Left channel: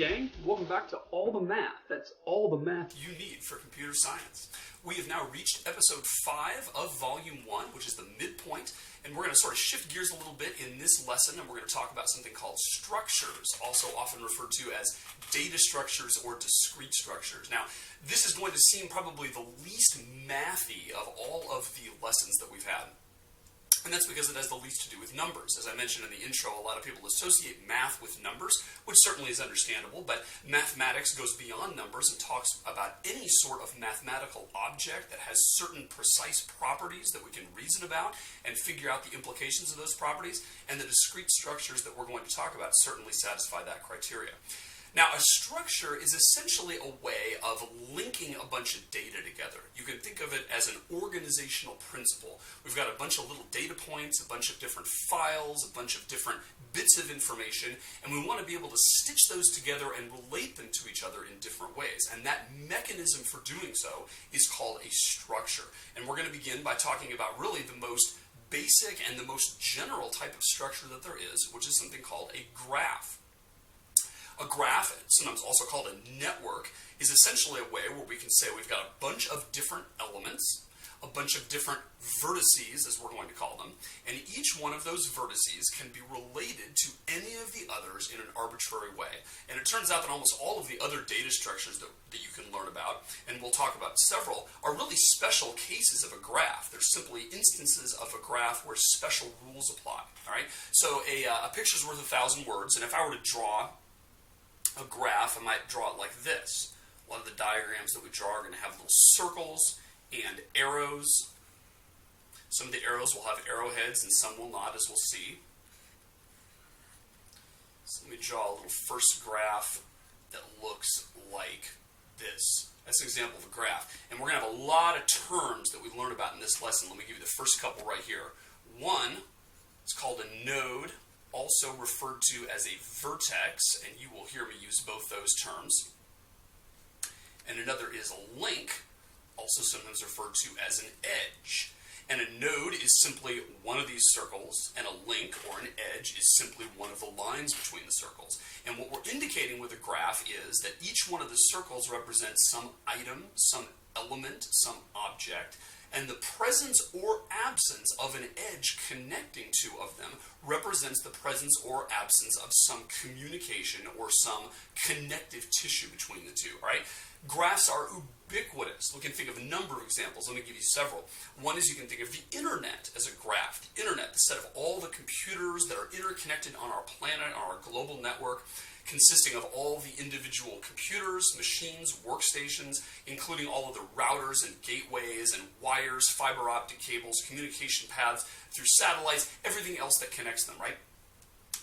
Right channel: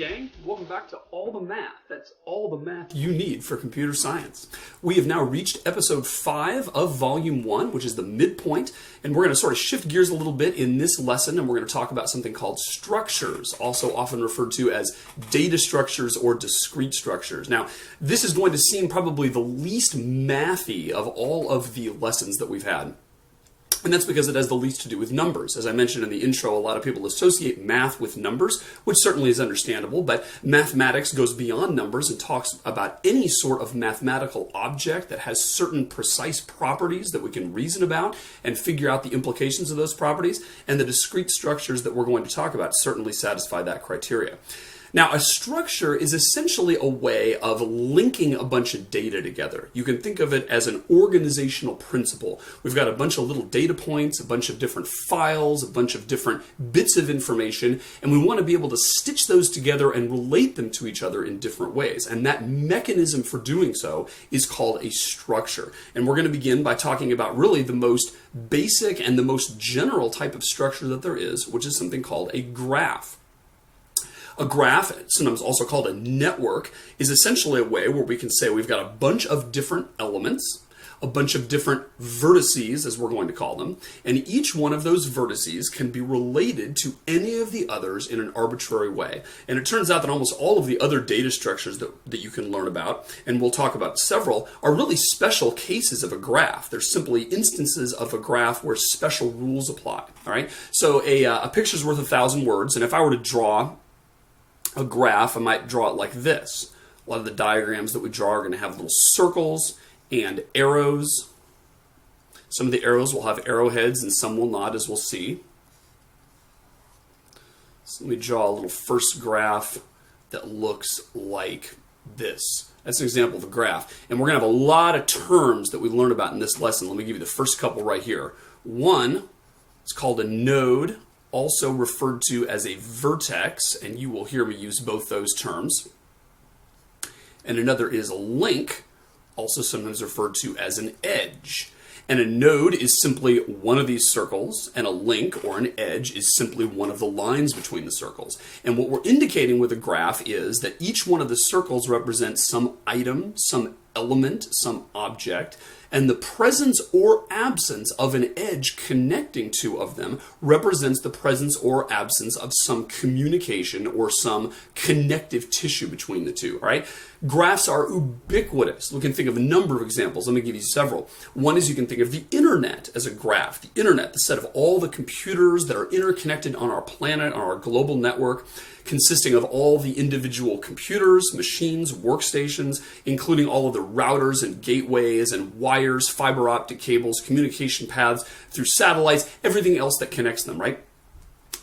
gang, welcome back to All the Math. That's all the math you need for computer science. We have now reached episode 5 of volume 1, which is the midpoint, and we're going to sort of shift gears a little bit in this lesson, and we're going to talk about something called structures, also often referred to as data structures or discrete structures. Now, this is going to seem probably the least mathy of all of the lessons that we've had. And that's because it has the least to do with numbers. As I mentioned in the intro, a lot of people associate math with numbers, which certainly is understandable, but mathematics goes beyond numbers and talks about any sort of mathematical object that has certain precise properties that we can reason about and figure out the implications of those properties, and the discrete structures that we're going to talk about certainly satisfy that criteria. Now, a structure is essentially a way of linking a bunch of data together. You can think of it as an organizational principle. We've got a bunch of little data points, a bunch of different files, a bunch of different bits of information, and we want to be able to stitch those together and relate them to each other in different ways. And that mechanism for doing so is called a structure. And we're going to begin by talking about really the most basic and the most general type of structure that there is, which is something called a graph. A graph, sometimes also called a network, is essentially a way where we can say we've got a bunch of different elements, a bunch of different vertices, as we're going to call them, and each one of those vertices can be related to any of the others in an arbitrary way. And it turns out that almost all of the other data structures that you can learn about, and we'll talk about several, are really special cases of a graph. They're simply instances of a graph where special rules apply. All right? So a picture's worth 1,000 words, and if I were to draw a graph, I might draw it like this. A lot of the diagrams that we draw are going to have little circles and arrows. Some of the arrows will have arrowheads and some will not, as we'll see. So let me draw a little first graph that looks like this. That's an example of a graph. And we're going to have a lot of terms that we learn about in this lesson. Let me give you the first couple right here. One is called a node, also referred to as a vertex, and you will hear me use both those terms. And another is a link, also sometimes referred to as an edge. And a node is simply one of these circles, and a link or an edge is simply one of the lines between the circles. And what we're indicating with a graph is that each one of the circles represents some item, some element, some object, and the presence or absence of an edge connecting two of them represents the presence or absence of some communication or some connective tissue between the two, right? Graphs are ubiquitous. We can think of a number of examples. Let me give you several. One is you can think of the internet as a graph. The internet, the set of all the computers that are interconnected on our planet, on our global network, consisting of all the individual computers, machines, workstations, including all of the routers and gateways and wires, fiber optic cables, communication paths through satellites, everything else that connects them, right?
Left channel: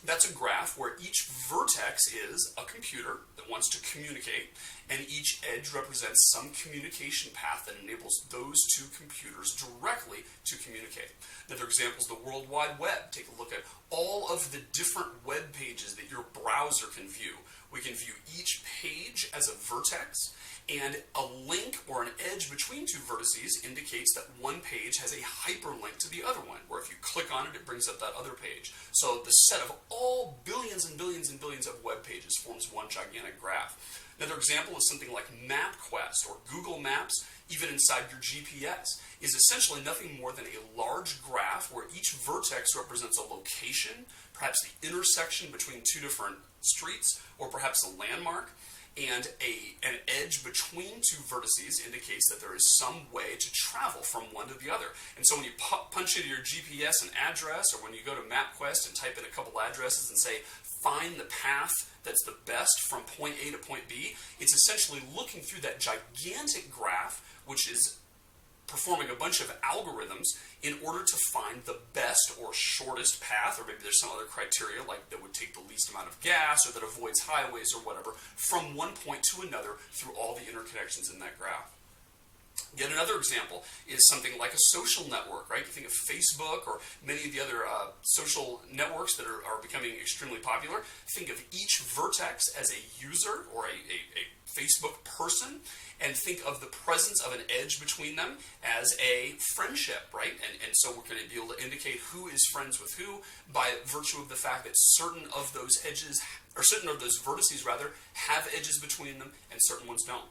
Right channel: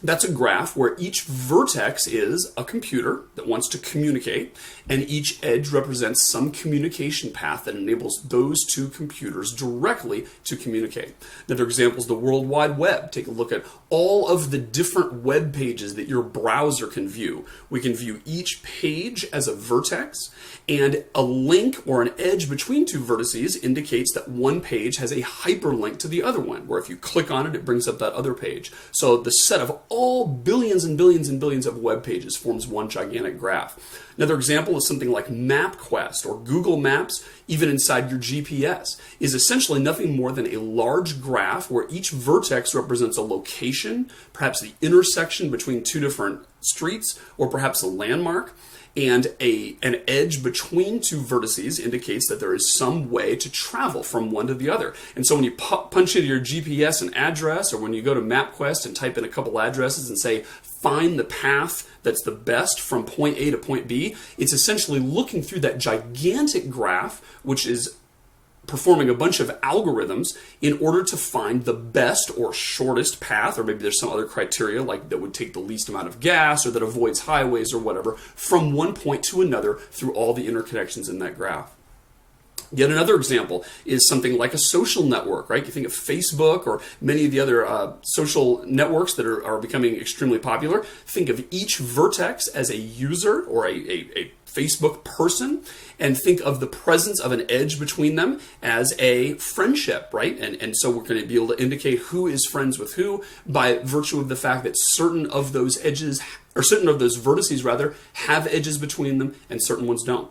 That's a graph where each vertex is a computer that wants to communicate, and each edge represents some communication path that enables those two computers directly to communicate. Another example is the World Wide Web. Take a look at all of the different web pages that your browser can view. We can view each page as a vertex, and a link or an edge between two vertices indicates that one page has a hyperlink to the other one, where if you click on it, it brings up that other page. So the set of all billions and billions and billions of web pages forms one gigantic graph. Another example is something like MapQuest or Google Maps, even inside your GPS, is essentially nothing more than a large graph where each vertex represents a location, perhaps the intersection between two different streets, or perhaps a landmark. And an edge between two vertices indicates that there is some way to travel from one to the other. And so when you punch into your GPS an address, or when you go to MapQuest and type in a couple addresses and say, find the path that's the best from point A to point B, it's essentially looking through that gigantic graph, which is performing a bunch of algorithms in order to find the best or shortest path, or maybe there's some other criteria like that would take the least amount of gas or that avoids highways or whatever, from one point to another through all the interconnections in that graph. Yet another example is something like a social network, right? You think of Facebook or many of the other social networks that are becoming extremely popular. Think of each vertex as a user or a Facebook person, and think of the presence of an edge between them as a friendship, right? And so we're going to be able to indicate who is friends with who by virtue of the fact that certain of those edges or certain of those vertices rather, have edges between them and certain ones don't.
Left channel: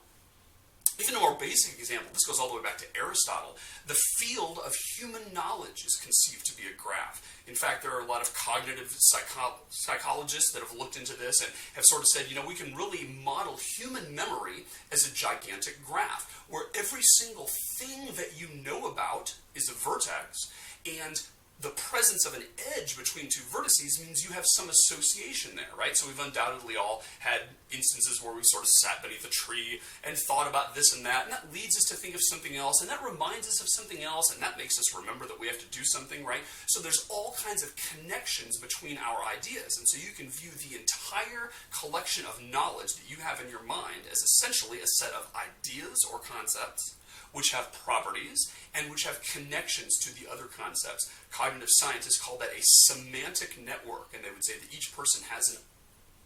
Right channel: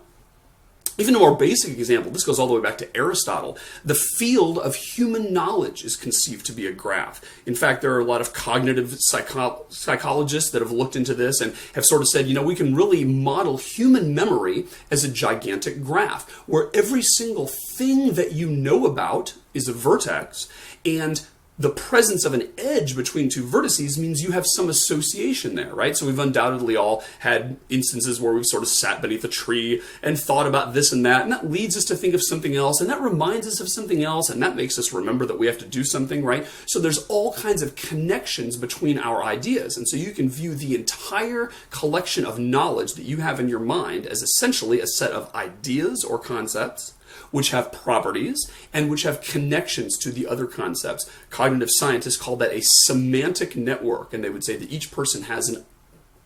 Even a more basic example, this goes all the way back to Aristotle, the field of human knowledge is conceived to be a graph. In fact, there are a lot of cognitive psychologists that have looked into this and have sort of said, we can really model human memory as a gigantic graph, where every single thing that you know about is a vertex, and the presence of an edge between two vertices means you have some association there, right? So we've undoubtedly all had instances where we've sort of sat beneath a tree and thought about this and that leads us to think of something else, and that reminds us of something else, and that makes us remember that we have to do something, right? So there's all kinds of connections between our ideas, and so you can view the entire collection of knowledge that you have in your mind as essentially a set of ideas or concepts which have properties and which have connections to the other concepts. Cognitive scientists call that a semantic network, and they would say that each person has an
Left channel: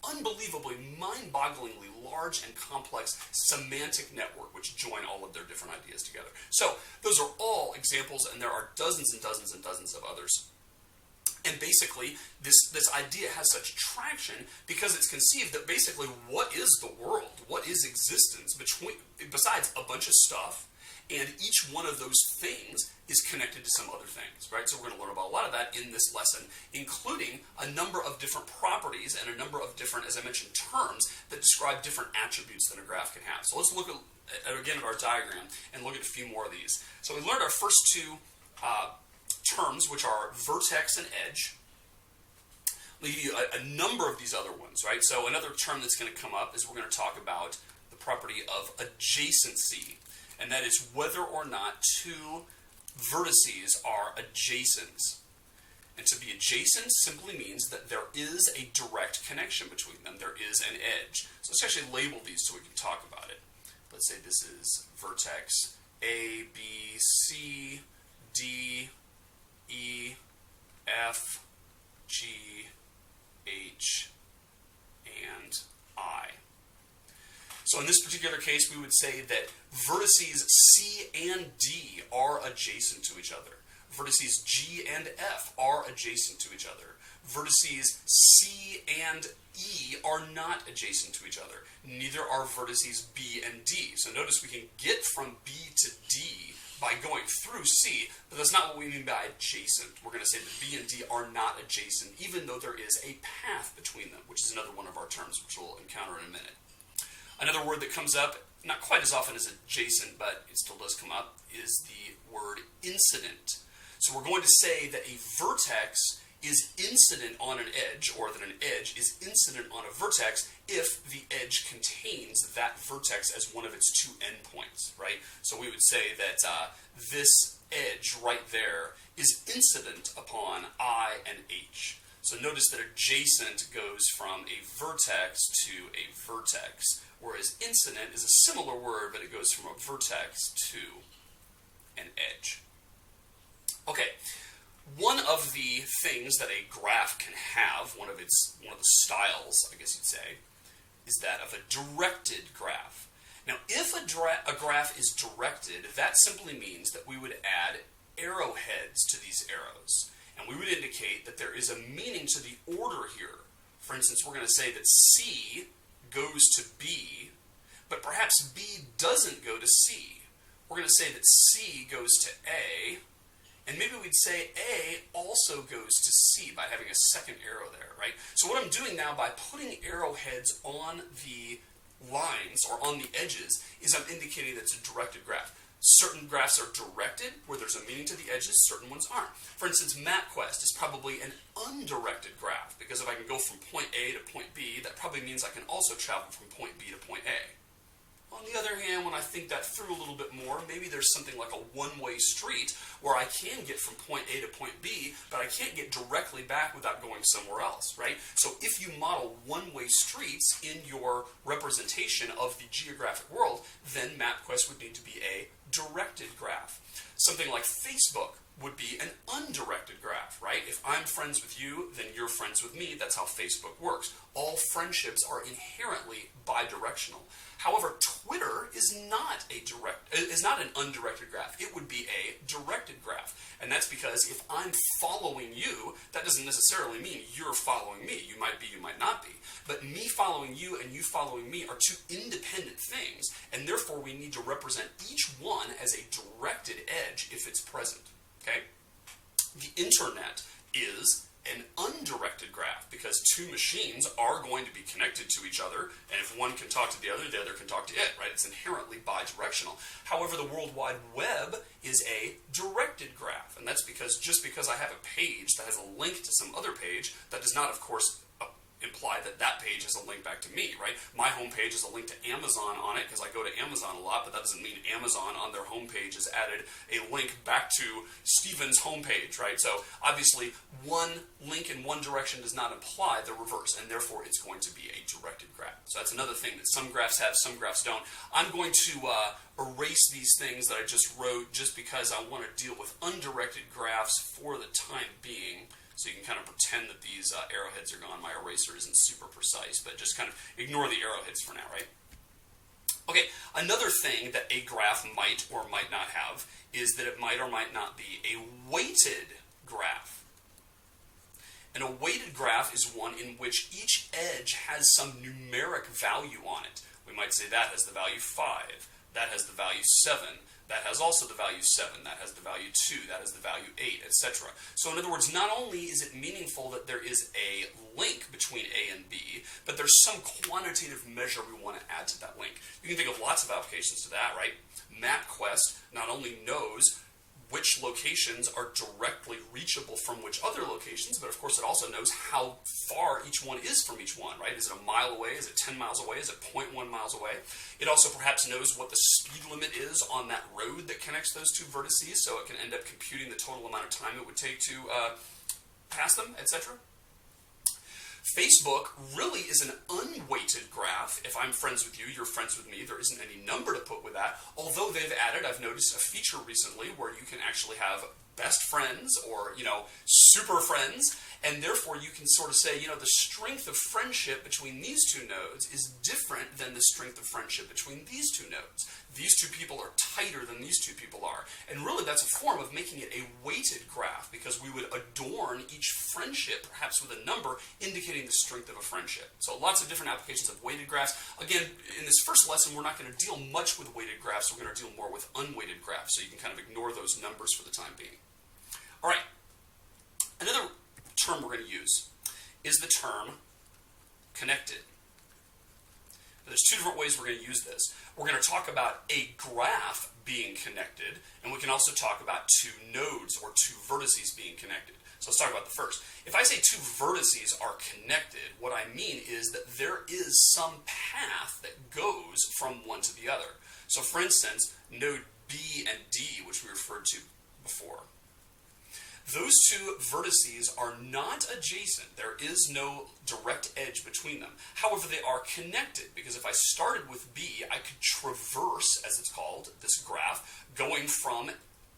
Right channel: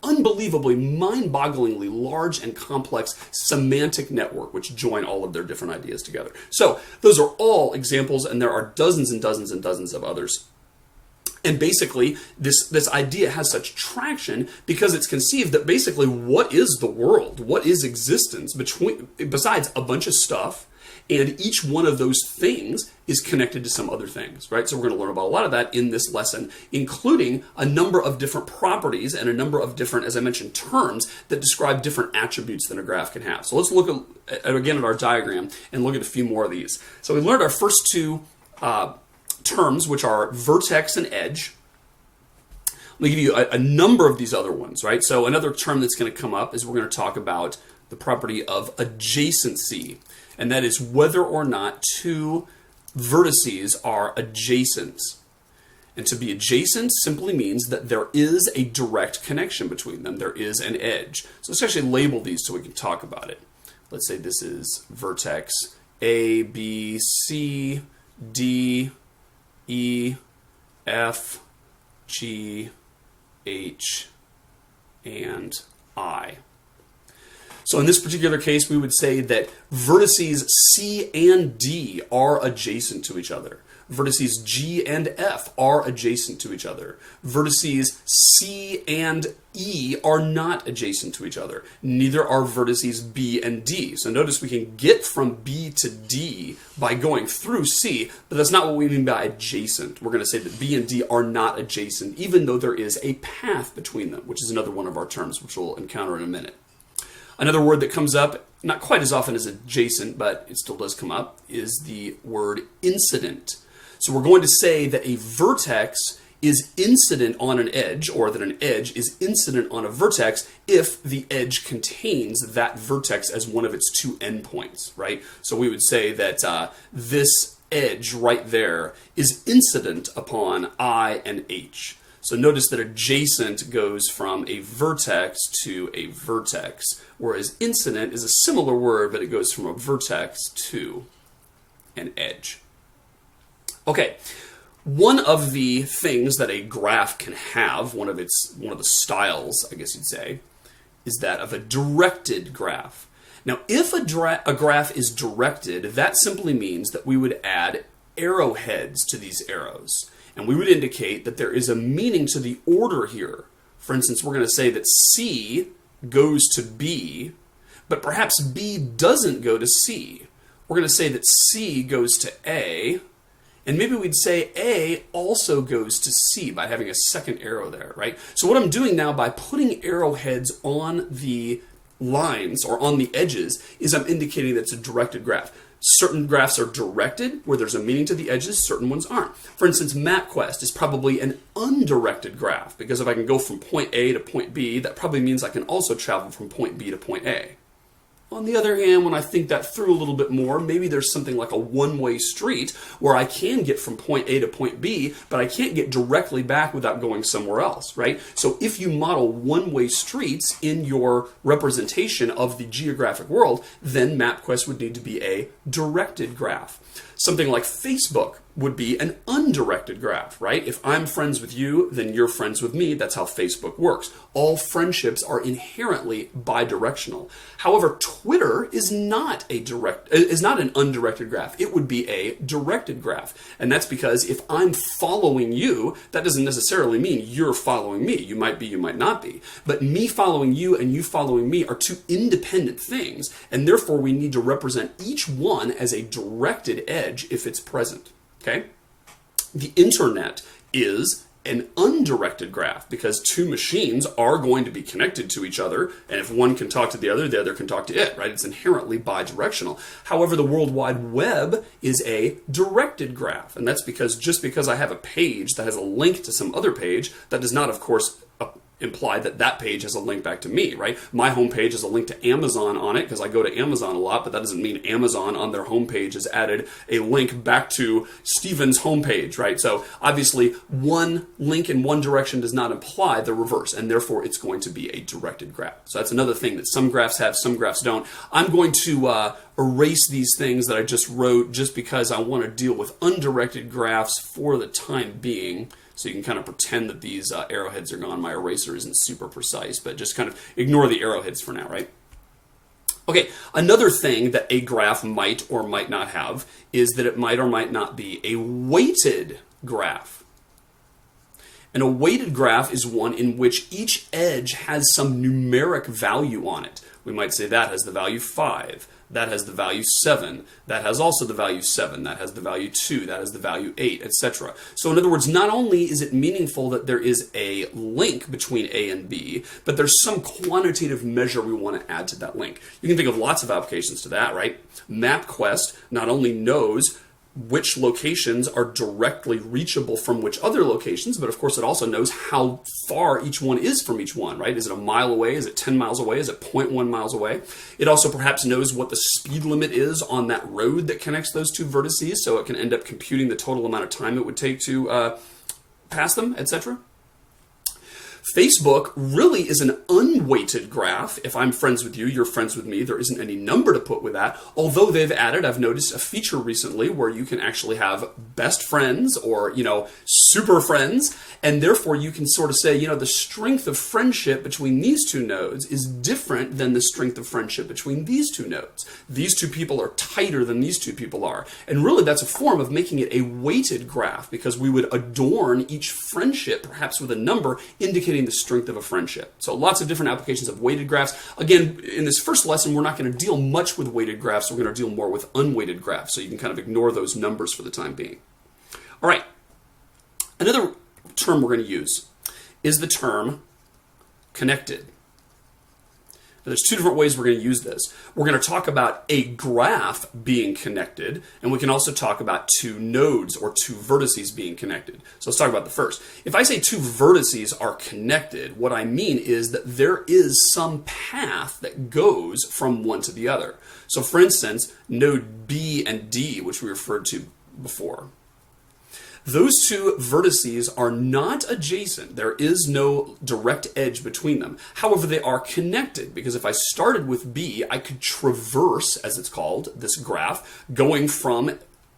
unbelievably, mind-bogglingly large and complex semantic network which join all of their different ideas together. So those are all examples, and there are dozens and dozens and dozens of others. And basically, this idea has such traction because it's conceived that basically what is the world? What is existence besides a bunch of stuff? And each one of those things is connected to some other things, right? So we're going to learn about a lot of that in this lesson, including a number of different properties and a number of different, as I mentioned, terms that describe different attributes that a graph can have. So let's look again at our diagram and look at a few more of these. So we learned our first two terms, which are vertex and edge. Let me give you a number of these other ones, right? So another term that's going to come up is we're going to talk about the property of adjacency. And that is whether or not two vertices are adjacent. And to be adjacent simply means that there is a direct connection between them. There is an edge. So let's actually label these so we can talk about it. Let's say this is vertex A, B, C, D, E, F, G, H, and I. So in this particular case, we would say that vertices C and D are adjacent to each other. Vertices G and F are adjacent to each other. Vertices C and E are not adjacent to each other. Neither are vertices B and D. So notice we can get from B to D by going through C, but that's not what we mean by adjacent. We're going to say that B and D are not adjacent, even though there is a path between them, which is another one of our terms, which we'll encounter in a minute. Another word that comes up, not quite as often as adjacent, but it still does come up, is the word incident. So we're going to say that a vertex is incident on an edge, or that an edge is incident on a vertex if the edge contains that vertex as one of its two endpoints, right? So we would say that this edge right there is incident upon I and H. So notice that adjacent goes from a vertex to a vertex, whereas incident is a similar word, but it goes from a vertex to an edge. Okay, one of the things that a graph can have, one of the styles, I guess you'd say, is that of a directed graph. Now, if a graph is directed, that simply means that we would add arrowheads to these arrows. And we would indicate that there is a meaning to the order here. For instance, we're going to say that C goes to B, but perhaps B doesn't go to C. We're going to say that C goes to A, and maybe we'd say A also goes to C by having a second arrow there, right? So what I'm doing now by putting arrowheads on the lines or on the edges is I'm indicating that it's a directed graph. Certain graphs are directed, where there's a meaning to the edges, certain ones aren't. For instance, MapQuest is probably an undirected graph, because if I can go from point A to point B, that probably means I can also travel from point B to point A. On the other hand, when I think that through a little bit more, maybe there's something like a one-way street where I can get from point A to point B, but I can't get directly back without going somewhere else, right? So if you model one-way streets in your representation of the geographic world, then MapQuest would need to be a directed graph. Something like Facebook would be an undirected graph, right? If I'm friends with you, then you're friends with me. That's how Facebook works. All friendships are inherently bidirectional. However, Twitter is not an undirected graph. It would be a directed graph. And that's because if I'm following you, that doesn't necessarily mean you're following me. You might be, you might not be. But me following you and you following me are two independent things, and therefore we need to represent each one as a directed edge if it's present. Okay? The internet is an undirected graph because two machines are going to be connected to each other, and if one can talk to the other can talk to it, right? It's inherently bidirectional. However, the World Wide Web is a directed graph, and that's because just because I have a page that has a link to some other page, that does not, of course, imply that that page has a link back to me, right? My homepage has a link to Amazon on it because I go to Amazon a lot, but that doesn't mean Amazon on their homepage has added a link back to Stephen's homepage, right? So obviously one link in one direction does not imply the reverse, and therefore it's going to be a directed graph. So that's another thing that some graphs have, some graphs don't. I'm going to erase these things that I just wrote just because I want to deal with undirected graphs for the time being. So you can kind of pretend that these arrowheads are gone. My eraser isn't super precise, but just kind of ignore the arrowheads for now, right? Okay, another thing that a graph might or might not have is that it might or might not be a weighted graph. And a weighted graph is one in which each edge has some numeric value on it. We might say that has the value 5. That has the value 7. That has also the value 7. That has the value 2. That has the value 8, etc. So in other words, not only is it meaningful that there is a link between A and B, but there's some quantitative measure we want to add to that link. You can think of lots of applications to that, right? MapQuest not only knows which locations are directly reachable from which other locations, but of course it also knows how far each one is from each one, right? Is it a mile away? Is it 10 miles away? Is it 0.1 miles away? It also perhaps knows what the speed limit is on that road that connects those two vertices, so it can end up computing the total amount of time it would take to pass them, etc. Facebook really is an unweighted graph. If I'm friends with you, you're friends with me, there isn't any number to put with that. Although they've added, I've noticed a feature recently where you can actually have best friends or, super friends, and therefore you can sort of say, the strength of friendship between these two nodes is different than the strength of friendship between these two nodes. These two people are tighter than these two people are. And really that's a form of making it a weighted graph because we would adorn each friendship perhaps with a number indicating the strength of a friendship. So lots of different applications of weighted graphs. Again, in this first lesson, we're not going to deal much with weighted graphs. We're going to deal more with unweighted graphs. So you can kind of ignore those numbers for the time being. All right. Another term we're going to use is the term connected. Now, there's two different ways we're going to use this. We're going to talk about a graph being connected, and we can also talk about two nodes or two vertices being connected. So let's talk about the first. If I say two vertices are connected, what I mean is that there is some path that goes from one to the other. So for instance, node B and D, which we referred to before. Those two vertices are not adjacent. There is no direct edge between them. However, they are connected because if I started with B, I could traverse, as it's called, this graph, going from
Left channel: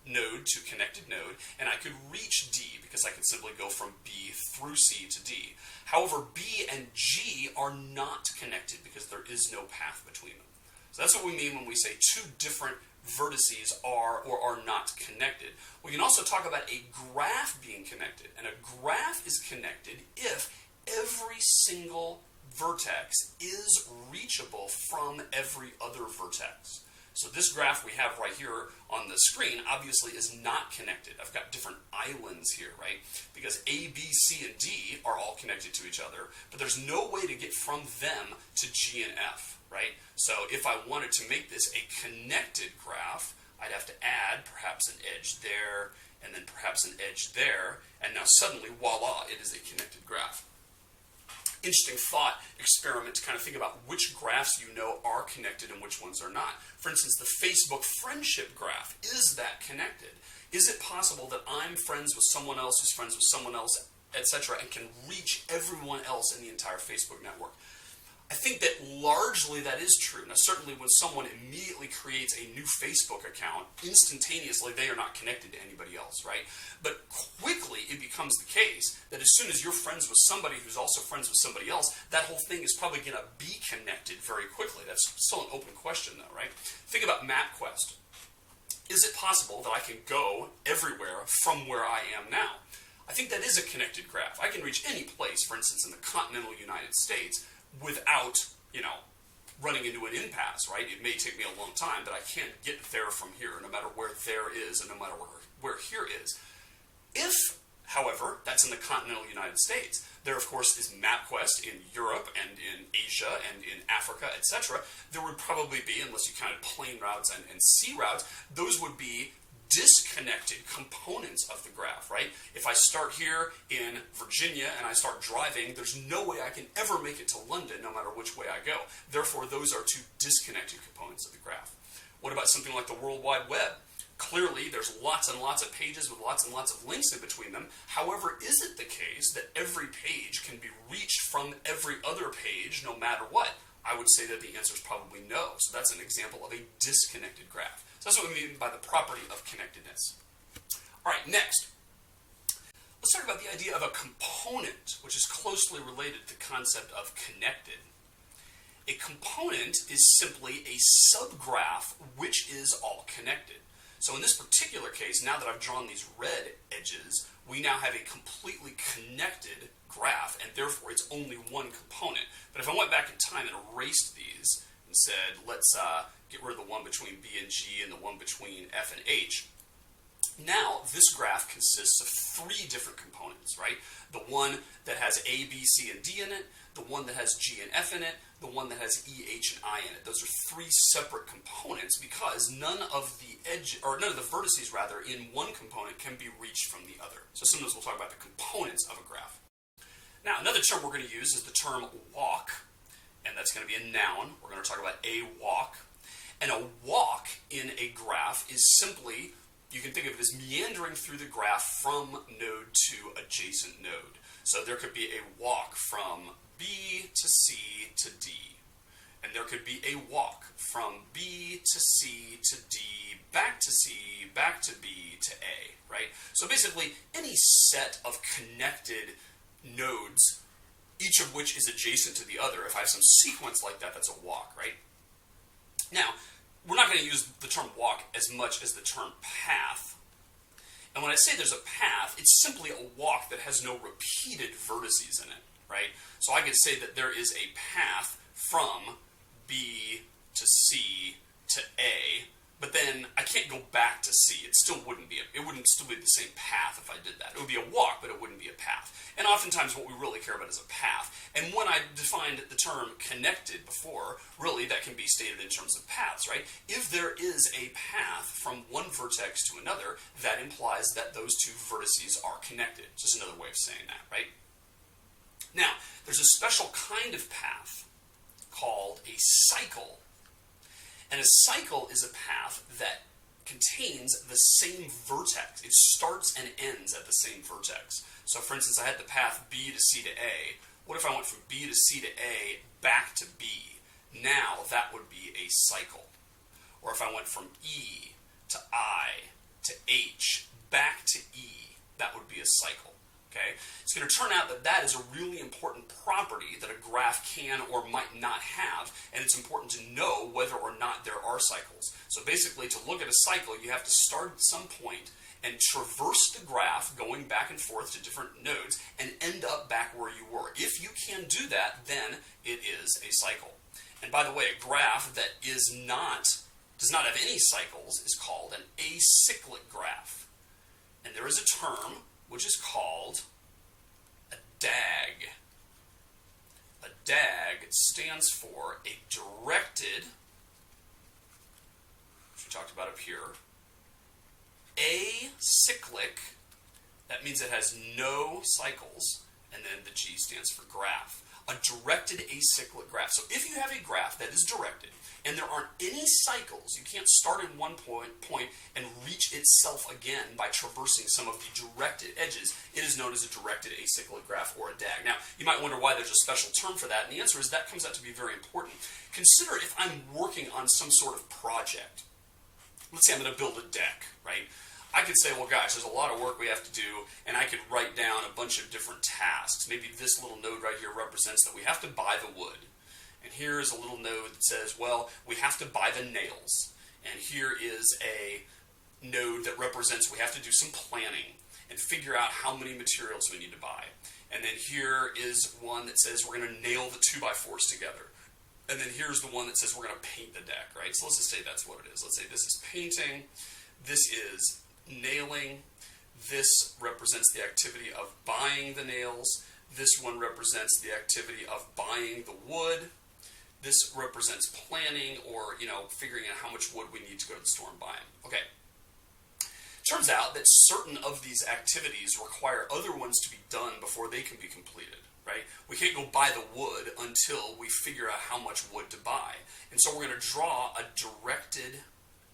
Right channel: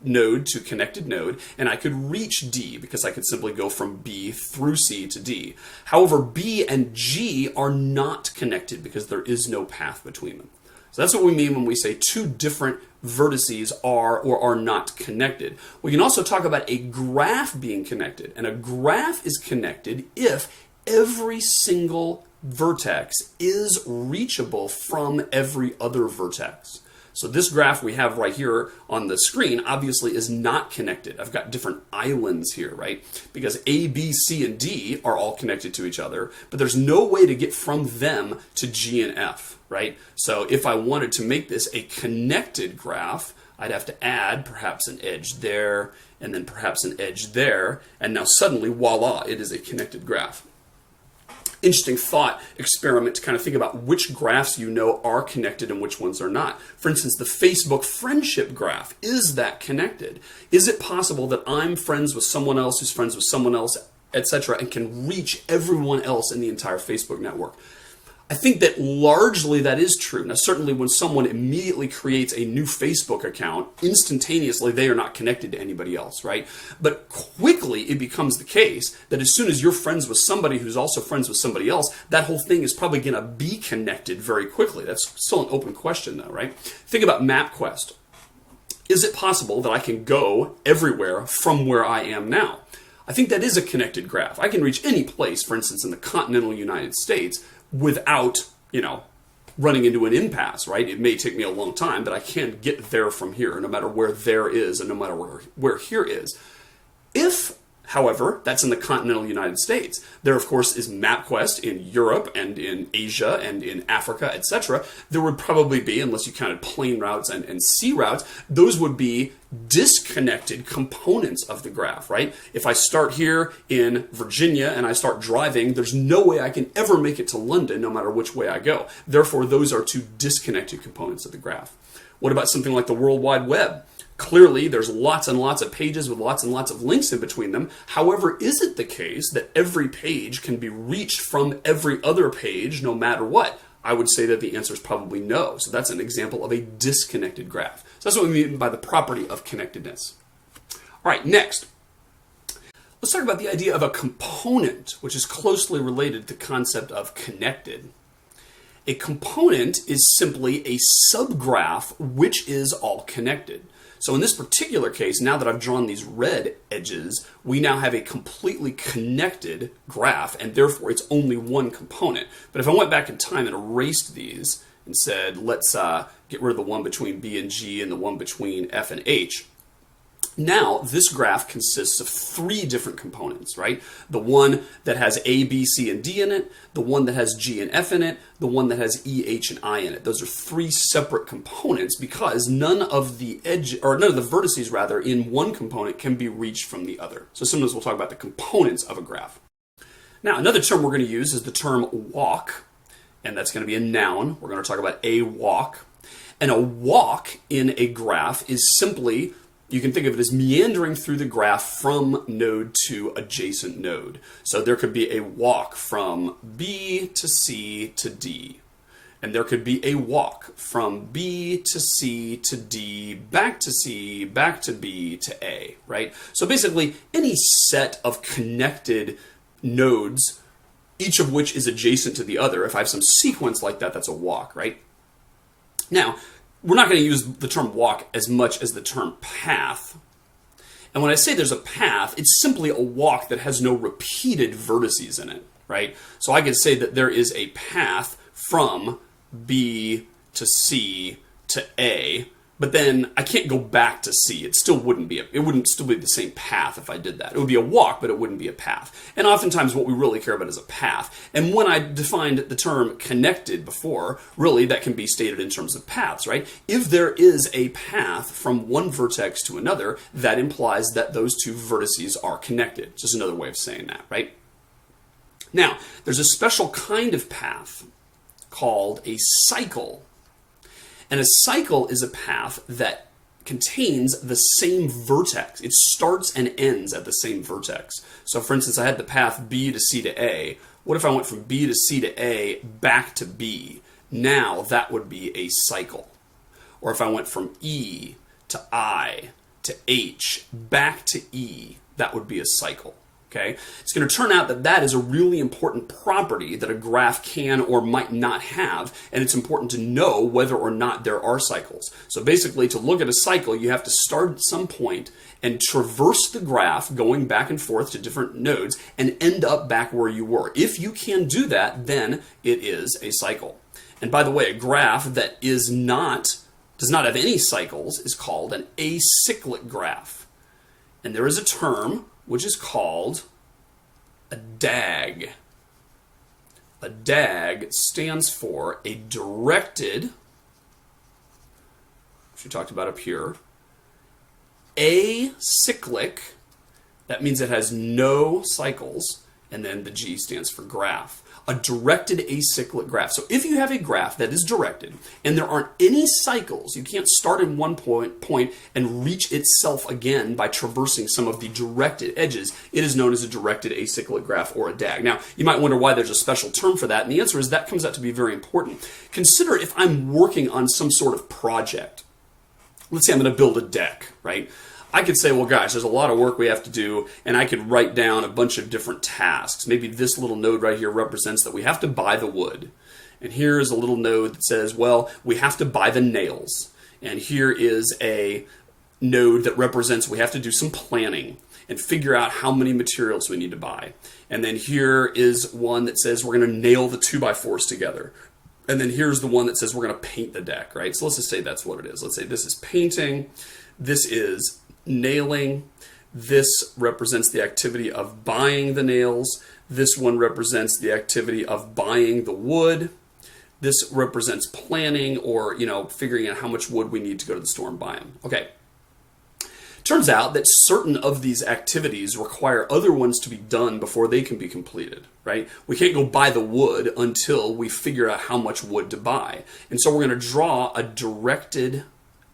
node to connected node, and I could reach D because I could simply go from B through C to D. However, B and G are not connected because there is no path between them. So that's what we mean when we say two different vertices are or are not connected. We can also talk about a graph being connected, and a graph is connected if every single vertex is reachable from every other vertex. So this graph we have right here on the screen obviously is not connected. I've got different islands here, right? Because A, B, C, and D are all connected to each other, but there's no way to get from them to G and F, right? So if I wanted to make this a connected graph, I'd have to add perhaps an edge there, and then perhaps an edge there, and now suddenly, voila, it is a connected graph. Interesting thought experiment to kind of think about which graphs you know are connected and which ones are not. For instance, the Facebook friendship graph, is that connected? Is it possible that I'm friends with someone else who's friends with someone else, etc., and can reach everyone else in the entire Facebook network? I think that largely that is true. Now, certainly when someone immediately creates a new Facebook account, instantaneously they are not connected to anybody else, right? But quickly it becomes the case that as soon as you're friends with somebody who's also friends with somebody else, that whole thing is probably going to be connected very quickly. That's still an open question though, right? Think about MapQuest. Is it possible that I can go everywhere from where I am now? I think that is a connected graph. I can reach any place, for instance, in the continental United States, without, running into an impasse, right? It may take me a long time, but I can get there from here, no matter where there is and no matter where here is. If, however, that's in the continental United States, there, of course, is MapQuest in Europe and in Asia and in Africa, etc. There would probably be, unless you counted plane routes and sea routes, those would be disconnected components of the graph, right? If I start here in Virginia and I start driving, there's no way I can ever make it to London, no matter which way I go. Therefore, those are two disconnected components of the graph. What about something like the World Wide Web? Clearly, there's lots and lots of pages with lots and lots of links in between them. However, is it the case that every page can be reached from every other page no matter what? I would say that the answer is probably no. So that's an example of a disconnected graph. So that's what we mean by the property of connectedness. All right, next. Let's talk about the idea of a component, which is closely related to the concept of connected. A component is simply a subgraph which is all connected. So in this particular case, now that I've drawn these red edges, we now have a completely connected graph, and therefore it's only one component. But if I went back in time and erased these and said, let's get rid of the one between B and G and the one between F and H, now this graph consists of three different components, right? The one that has A, B, C, and D in it, the one that has G and F in it, the one that has E, H, and I in it. Those are three separate components because none of the vertices rather in one component can be reached from the other. So sometimes we'll talk about the components of a graph. Now, another term we're going to use is the term walk, and that's going to be a noun. We're going to talk about a walk. And a walk in a graph is simply, you can think of it as meandering through the graph from node to adjacent node. So there could be a walk from B to C to D. And there could be a walk from B to C to D, back to C, back to B to A, right? So basically, any set of connected nodes, each of which is adjacent to the other, if I have some sequence like that, that's a walk, right? Now, we're not going to use the term walk as much as the term path. And when I say there's a path, it's simply a walk that has no repeated vertices in it, right? So I could say that there is a path from B to C to A, but then I can't go back to C. It wouldn't still be the same path if I did that. It would be a walk, but it wouldn't be a path. And oftentimes what we really care about is a path. And when I defined the term connected before, really that can be stated in terms of paths, right? If there is a path from one vertex to another, that implies that those two vertices are connected. Just another way of saying that, right? Now, there's a special kind of path called a cycle. And a cycle is a path that contains the same vertex. It starts and ends at the same vertex. So for instance, I had the path B to C to A. What if I went from B to C to A back to B? Now that would be a cycle. Or if I went from E to I to H back to E, that would be a cycle. Okay? It's going to turn out that that is a really important property that a graph can or might not have, and it's important to know whether or not there are cycles. So basically, to look at a cycle, you have to start at some point and traverse the graph going back and forth to different nodes and end up back where you were. If you can do that, then it is a cycle. And by the way, a graph that does not have any cycles is called an acyclic graph. And there is a term which is called a DAG. A DAG stands for a directed, which we talked about up here, acyclic, that means it has no cycles, and then the G stands for graph. a directed acyclic graph. So if you have a graph that is directed and there aren't any cycles, you can't start in one point and reach itself again by traversing some of the directed edges, it is known as a directed acyclic graph or a DAG. Now, you might wonder why there's a special term for that, and the answer is that comes out to be very important. Consider if I'm working on some sort of project. Let's say I'm going to build a deck, right? I could say, well, gosh, there's a lot of work we have to do, and I could write down a bunch of different tasks. Maybe this little node right here represents that we have to buy the wood. And here is a little node that says, well, we have to buy the nails. And here is a node that represents we have to do some planning and figure out how many materials we need to buy. And then here is one that says we're going to nail the 2x4s together. And then here's the one that says we're going to paint the deck, right? So let's just say that's what it is. Let's say this is painting. This is nailing. This represents the activity of buying the nails. This one represents the activity of buying the wood. This represents planning or, figuring out how much wood we need to go to the store and buy them. Okay. Turns out that certain of these activities require other ones to be done before they can be completed, right? We can't go buy the wood until we figure out how much wood to buy. And so we're going to draw a directed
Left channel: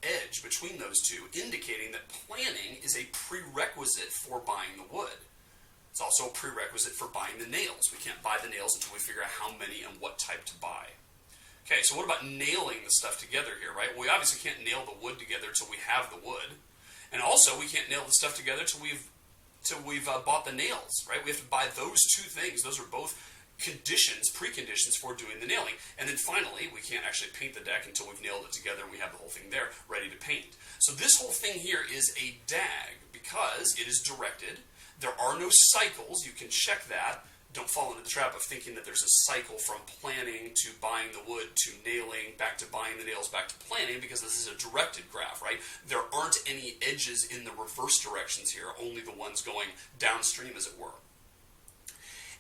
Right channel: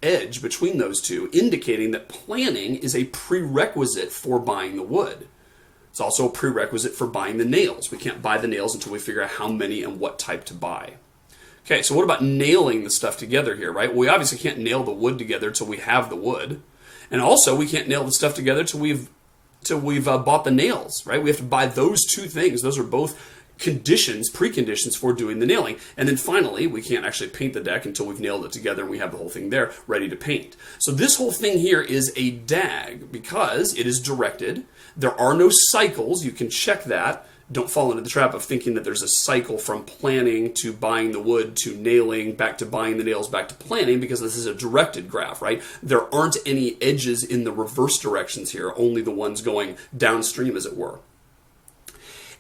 edge between those two, indicating that planning is a prerequisite for buying the wood. It's also a prerequisite for buying the nails. We can't buy the nails until we figure out how many and what type to buy. Okay, so what about nailing the stuff together here, right? Well, we obviously can't nail the wood together till we have the wood. And also, we can't nail the stuff together till we've bought the nails, right? We have to buy those two things. Those are both preconditions for doing the nailing. And then finally, we can't actually paint the deck until we've nailed it together and we have the whole thing there ready to paint. So this whole thing here is a DAG because it is directed. There are no cycles. You can check that. Don't fall into the trap of thinking that there's a cycle from planning to buying the wood to nailing, back to buying the nails, back to planning, because this is a directed graph, right? There aren't any edges in the reverse directions here, only the ones going downstream, as it were.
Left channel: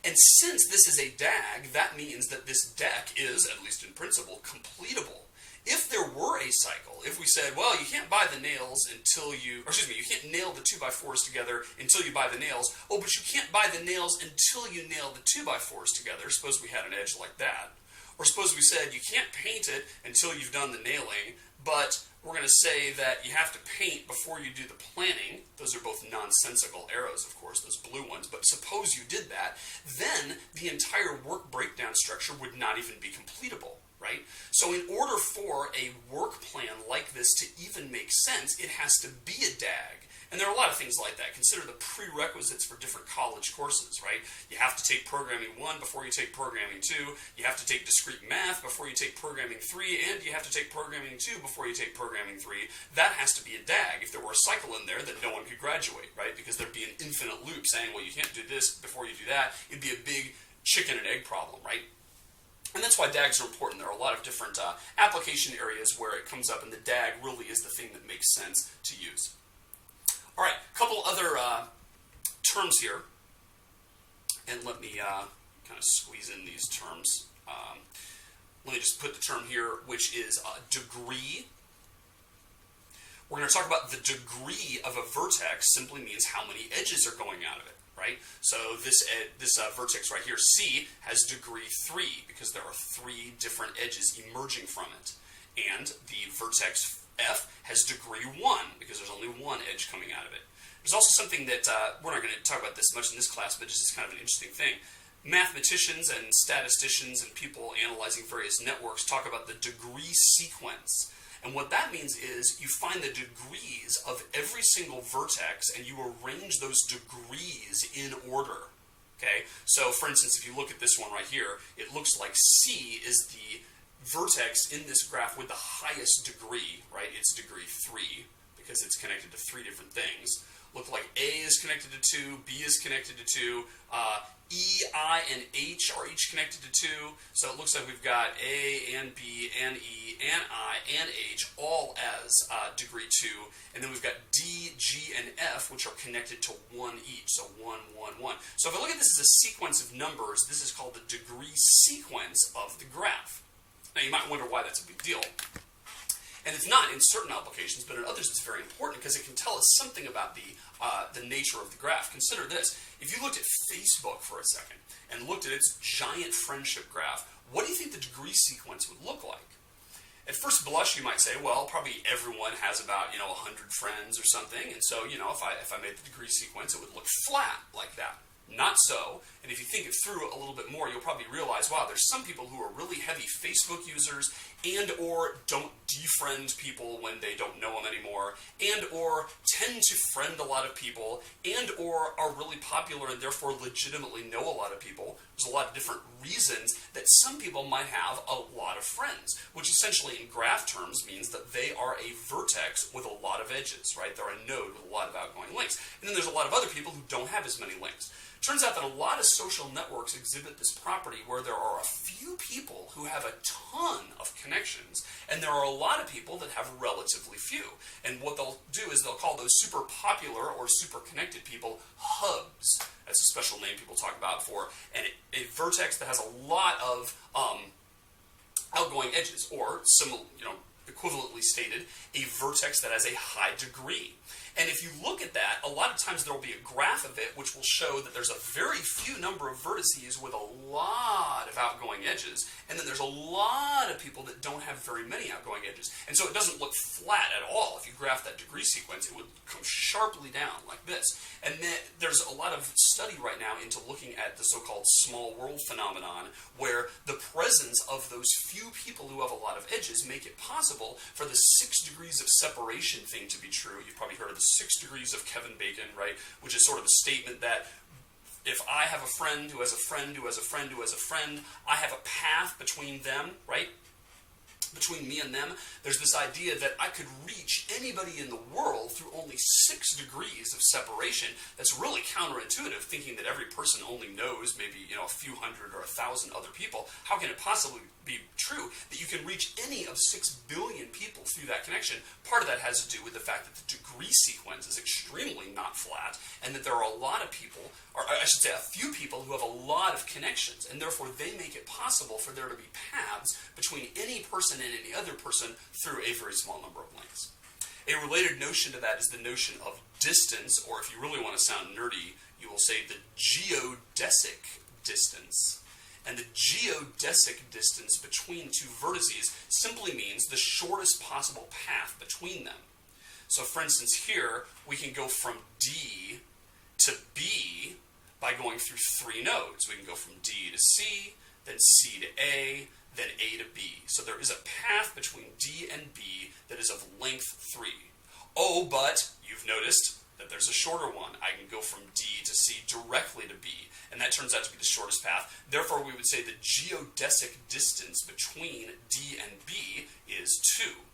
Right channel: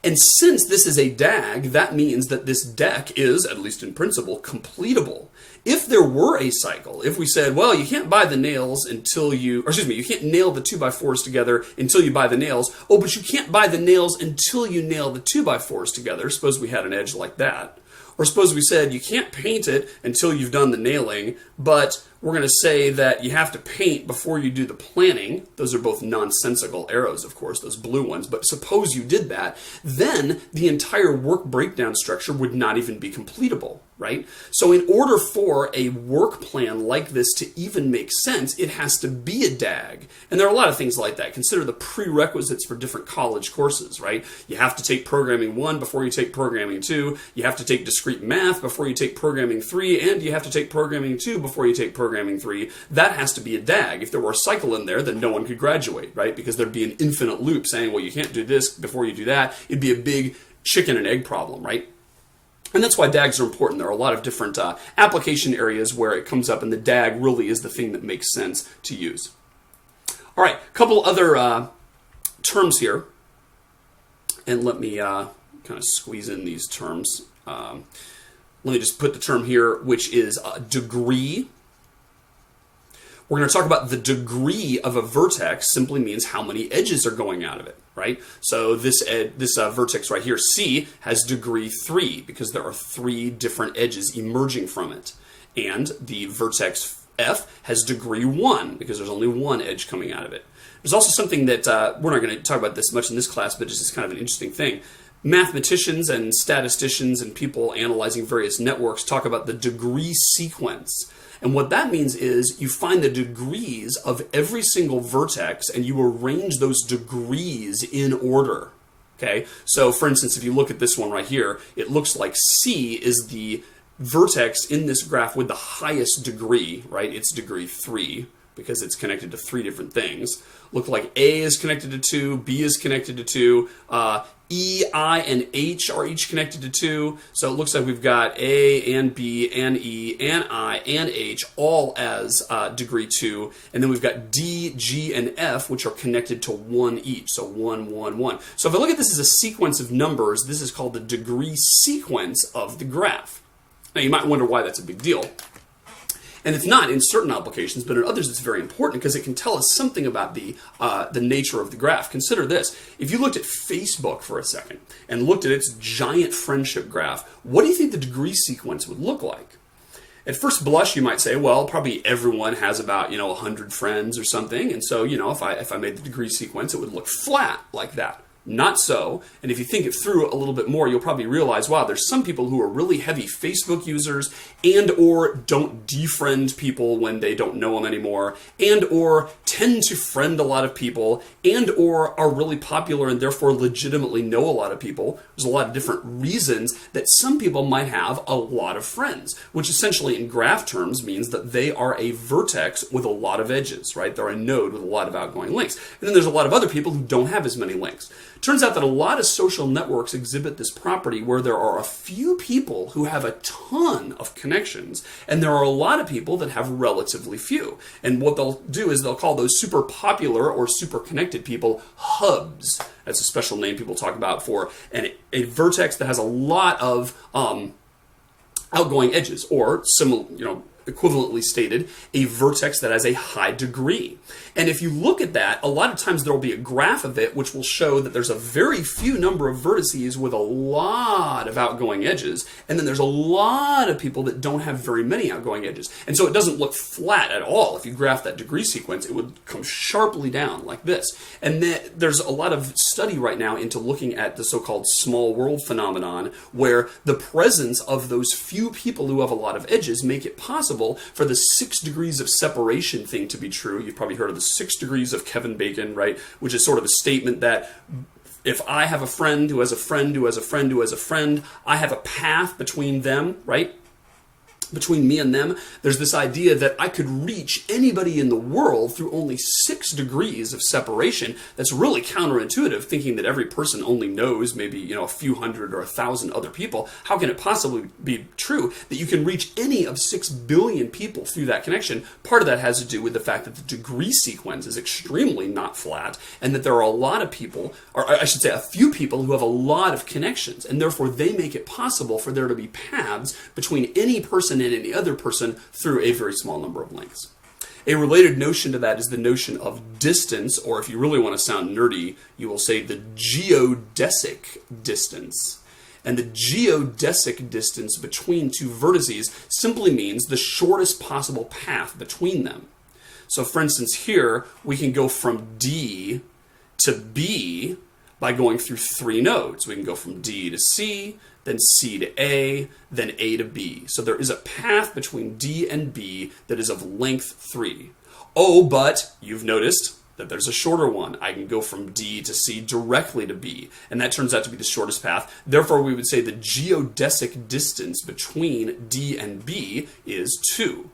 And since this is a DAG, that means that this deck is, at least in principle, completable. If there were a cycle, if we said, well, you can't buy the nails until you can't nail the 2x4s together until you buy the nails. Oh, but you can't buy the nails until you nail the 2x4s together. Suppose we had an edge like that. Or suppose we said you can't paint it until you've done the nailing, but we're going to say that you have to paint before you do the planning. Those are both nonsensical arrows, of course, those blue ones. But suppose you did that, then the entire work breakdown structure would not even be completable, right? So in order for a work plan like this to even make sense, it has to be a DAG. And there are a lot of things like that. Consider the prerequisites for different college courses, right? You have to take Programming 1 before you take Programming 2. You have to take Discrete Math before you take Programming 3. And you have to take Programming 2 before you take Programming 3. That has to be a DAG. If there were a cycle in there, then no one could graduate, right? Because there'd be an infinite loop saying, well, you can't do this before you do that. It'd be a big chicken and egg problem, right? And that's why DAGs are important. There are a lot of different application areas where it comes up, and the DAG really is the thing that makes sense to use. All right, a couple other terms here. And let me kind of squeeze in these terms. Let me just put the term here, which is degree. We're going to talk about the degree of a vertex simply means how many edges are going out of it, right? So this vertex right here, C, has degree 3 because there are 3 different edges emerging from it. And the vertex F has degree 1 because there's only one edge coming out of it. There's also something that, we're not going to talk about this much in this class, but it's just kind of an interesting thing. Mathematicians and statisticians and people analyzing various networks talk about the degree sequence. And what that means is you find the degrees of every single vertex and you arrange those degrees in order. Okay? So, for instance, if you look at this one right here, it looks like C is the vertex in this graph with the highest degree, right? It's degree 3 because it's connected to 3 different things. Look like A is connected to 2, B is connected to 2, E, I, and H are each connected to 2. So it looks like we've got A and B and E and I and H all as degree 2. And then we've got D, G, and F, which are connected to 1 each. So 1, 1, 1. So if I look at this as a sequence of numbers, this is called the degree sequence of the graph. Now you might wonder why that's a big deal. And it's not in certain applications, but in others it's very important because it can tell us something about the nature of the graph. Consider this. If you looked at Facebook for a second and looked at its giant friendship graph, what do you think the degree sequence would look like? At first blush, you might say, well, probably everyone has about, 100 friends or something. And so, if I made the degree sequence, it would look flat like that. Not so. And if you think it through a little bit more, you'll probably realize, wow, there's some people who are really heavy Facebook users and or don't defriend people when they don't know them anymore, and or tend to friend a lot of people, and or are really popular and therefore legitimately know a lot of people. There's a lot of different reasons that some people might have a lot of friends, which essentially in graph terms means that they are a vertex with a lot of edges, right? They're a node with a lot of outgoing links. And then there's a lot of other people who don't have as many links. Turns out that a lot of social networks exhibit this property where there are a few people who have a ton of connections, and there are a lot of people that have relatively few. And what they'll do is they'll call those super popular or super connected people hubs. That's a special name people talk about for a vertex that has a lot of outgoing edges, or similar, equivalently stated, a vertex that has a high degree. And if you look at that, a lot of times there will be a graph of it which will show that there's a very few number of vertices with a lot of outgoing edges, and then there's a lot of people that don't have very many outgoing edges. And so it doesn't look flat at all. If you graph that degree sequence, it would come sharply down like this. And then there's a lot of study right now into looking at the so-called small world phenomenon, where the presence of those few people who have a lot of edges make it possible for the 6 degrees of separation thing to be true. You've probably heard of the 6 degrees of Kevin Bacon, right? Which is sort of a statement that if I have a friend who has a friend who has a friend who has a friend, I have a path between them, right? Between me and them, there's this idea that I could reach anybody in the world through only 6 degrees of separation. That's really counterintuitive, thinking that every person only knows maybe, a few hundred or 1,000 other people. How can it possibly be true that you can reach any of 6 billion people through that connection? Part of that has to do with the fact that the degree sequence is extremely not flat, and that there are a lot of people, or I should say a few people, who have a lot of connections, and therefore they make it possible for there to be paths between any person and any other person through a very small number of links. A related notion to that is the notion of distance, or if you really want to sound nerdy, you will say the geodesic distance. And the geodesic distance between two vertices simply means the shortest possible path between them. So for instance, here we can go from D to B by going through 3 nodes. We can go from D to C, then C to A, then A to B. So there is a path between D and B that is of length 3. Oh, but you've noticed that there's a shorter one. I can go from D to C directly to B, and that turns out to be the shortest path. Therefore, we would say the geodesic distance between D and B is 2.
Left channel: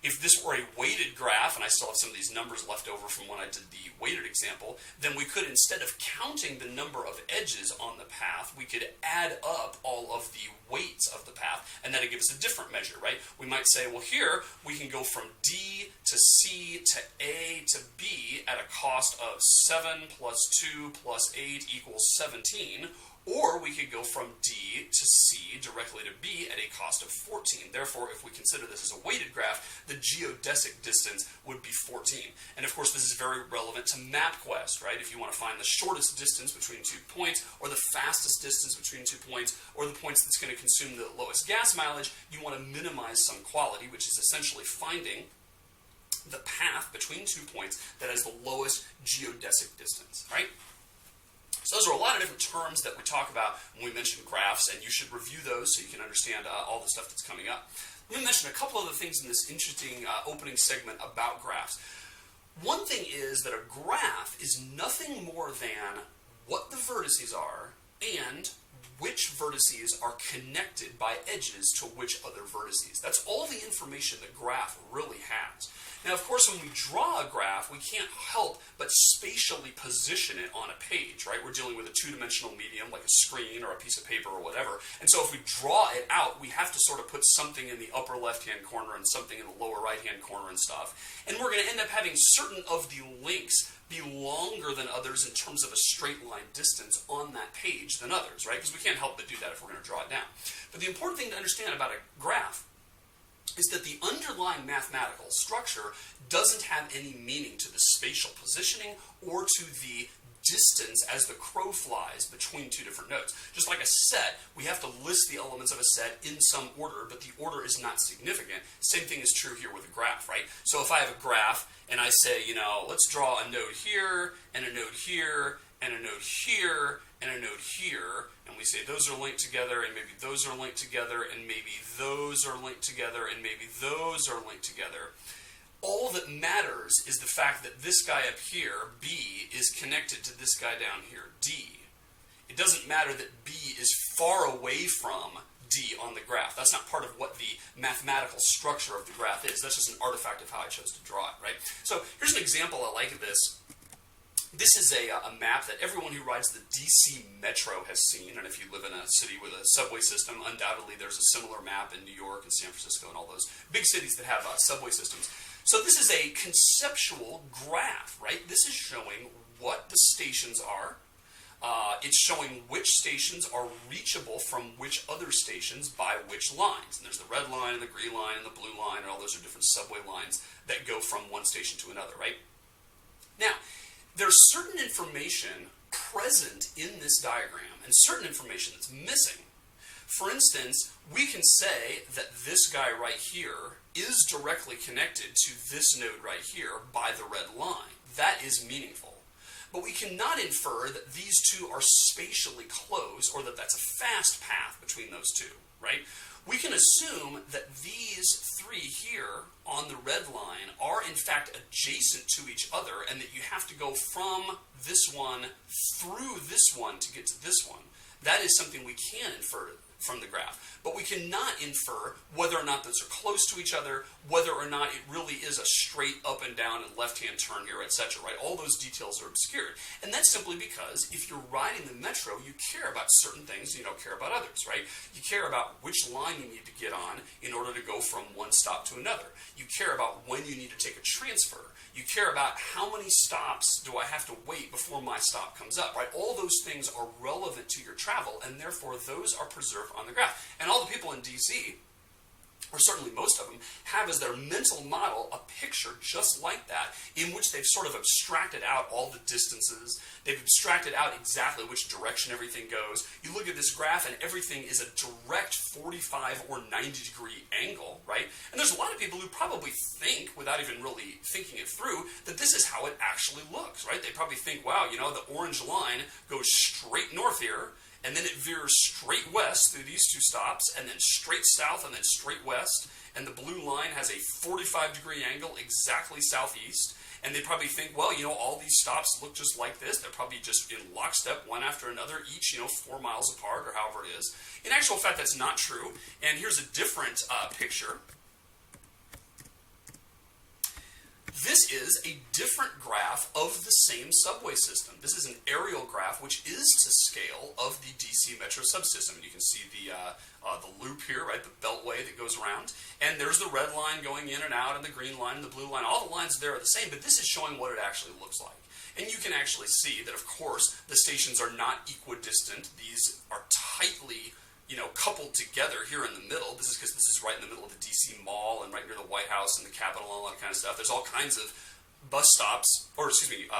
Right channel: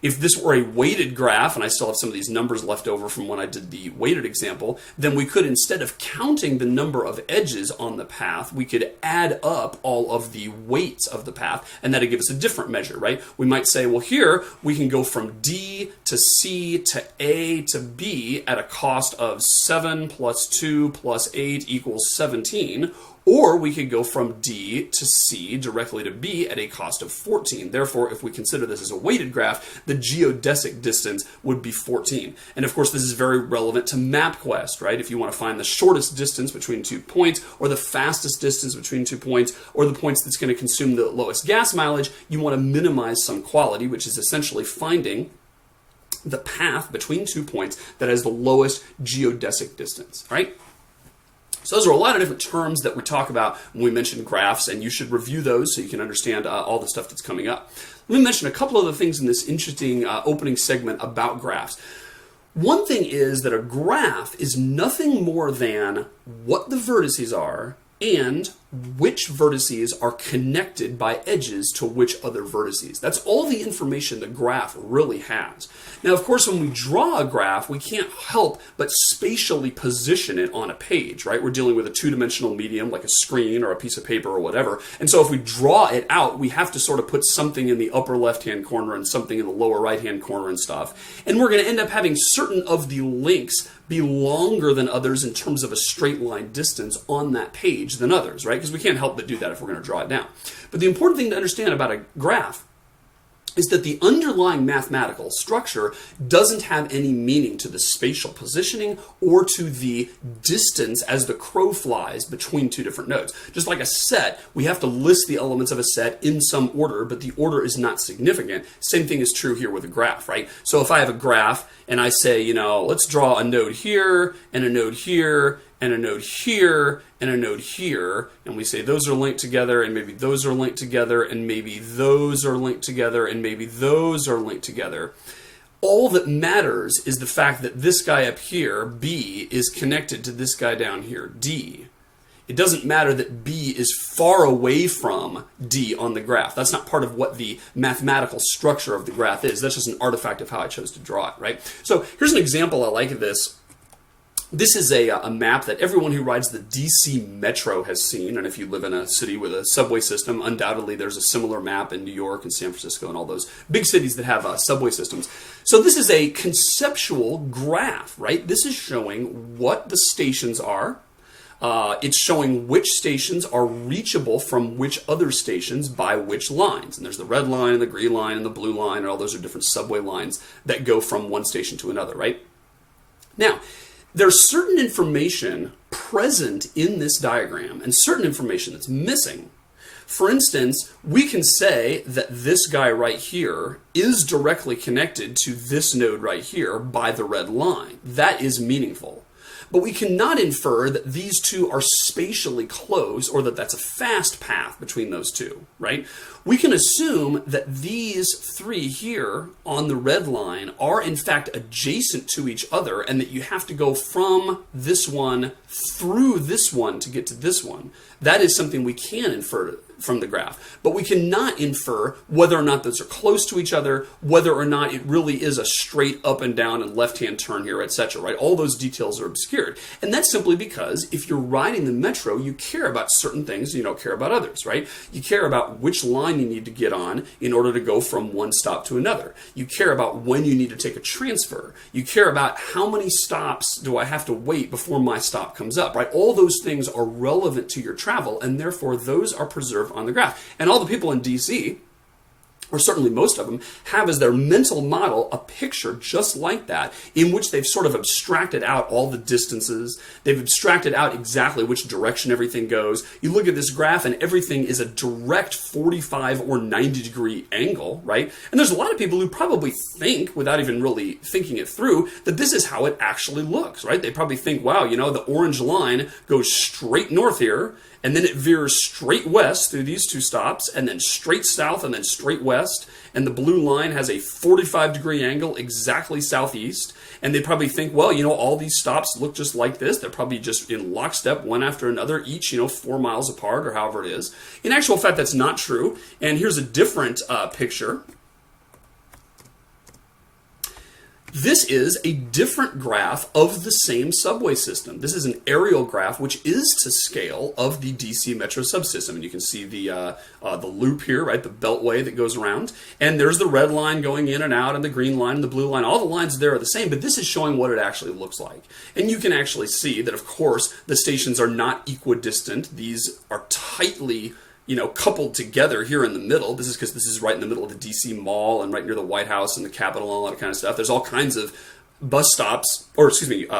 If this were a weighted graph, and I still have some of these numbers left over from when I did the weighted example, then we could, instead of counting the number of edges on the path, we could add up all of the weights of the path, and that'd give us a different measure, right? We might say, well, here we can go from D to C to A to B at a cost of 7 plus 2 plus 8 equals 17, or we could go from D to C directly to B at a cost of 14. Therefore, if we consider this as a weighted graph, the geodesic distance would be 14. And of course, this is very relevant to MapQuest, right? If you want to find the shortest distance between 2 points, or the fastest distance between 2 points, or the points that's going to consume the lowest gas mileage, you want to minimize some quality, which is essentially finding the path between 2 points that has the lowest geodesic distance, right? So those are a lot of different terms that we talk about when we mention graphs, and you should review those so you can understand all the stuff that's coming up. Let me mention a couple other things in this interesting opening segment about graphs. One thing is that a graph is nothing more than what the vertices are and which vertices are connected by edges to which other vertices. That's all the information the graph really has. Now, of course, when we draw a graph, we can't help but spatially position it on a page, right? We're dealing with a 2-dimensional medium like a screen or a piece of paper or whatever. And so if we draw it out, we have to sort of put something in the upper left-hand corner and something in the lower right-hand corner and stuff. And we're going to end up having certain of the links be longer than others in terms of a straight line distance on that page than others, right? Because we can't help but do that if we're going to draw it down. But the important thing to understand about a graph is that the underlying mathematical structure doesn't have any meaning to the spatial positioning or to the distance as the crow flies between two different nodes. Just like a set, we have to list the elements of a set in some order, but the order is not significant. Same thing is true here with a graph, right? So if I have a graph and I say, you know, let's draw a node here and a node here and a node here and a node here, and we say those are linked together, and maybe those are linked together, and maybe those are linked together, and maybe those are linked together. All that matters is the fact that this guy up here, B, is connected to this guy down here, D. It doesn't matter that B is far away from D on the graph. That's not part of what the mathematical structure of the graph is. That's just an artifact of how I chose to draw it, right? So here's an example I like of this. This is a map that everyone who rides the DC Metro has seen, and if you live in a city with a subway system, undoubtedly there's a similar map in New York and San Francisco and all those big cities that have subway systems. So this is a conceptual graph, right? This is showing what the stations are. It's showing which stations are reachable from which other stations by which lines. And there's the red line, and the green line, and the blue line, and all those are different subway lines that go from one station to another, right? Now, there's certain information present in this diagram and certain information that's missing. For instance, we can say that this guy right here is directly connected to this node right here by the red line. That is meaningful. But we cannot infer that these two are spatially close or that that's a fast path between those two, right? We can assume that these three here on the red line are in fact adjacent to each other and that you have to go from this one through this one to get to this one. That is something we can infer from the graph. But we cannot infer whether or not those are close to each other, whether or not it really is a straight up and down and left-hand turn here, etc., right? All those details are obscured. And that's simply because if you're riding the metro, you care about certain things and you don't care about others, right? You care about which line you need to get on in order to go from one stop to another. You care about when you need to take a transfer. You care about how many stops do I have to wait before my stop comes up, right? All those things are relevant to your travel, and therefore those are preserved on the graph. And all the people in DC, or certainly most of them, have as their mental model a picture just like that, in which they've sort of abstracted out all the distances. They've abstracted out exactly which direction everything goes. You look at this graph and everything is a direct 45 or 90 degree angle, right? And there's a lot of people who probably think, without even really thinking it through, that this is how it actually looks, right? They probably think, wow, you know, the orange line goes straight north here, and then it veers straight west through these two stops, and then straight south, and then straight west. And the blue line has a 45 degree angle exactly southeast. And they probably think, well, you know, all these stops look just like this. They're probably just in lockstep, one after another, each, 4 miles apart, or however it is. In actual fact, that's not true. And here's a different picture. This is a different graph of the same subway system. This is an aerial graph, which is to scale of the DC Metro subsystem. And you can see the loop here, right, the beltway that goes around. And there's the red line going in and out, and the green line and the blue line. All the lines there are the same, but this is showing what it actually looks like. And you can actually see that, of course, the stations are not equidistant. These are tightly coupled together here in the middle. This is because this is right in the middle of the DC Mall and right near the White House and the Capitol and all that kind of stuff. There's all kinds of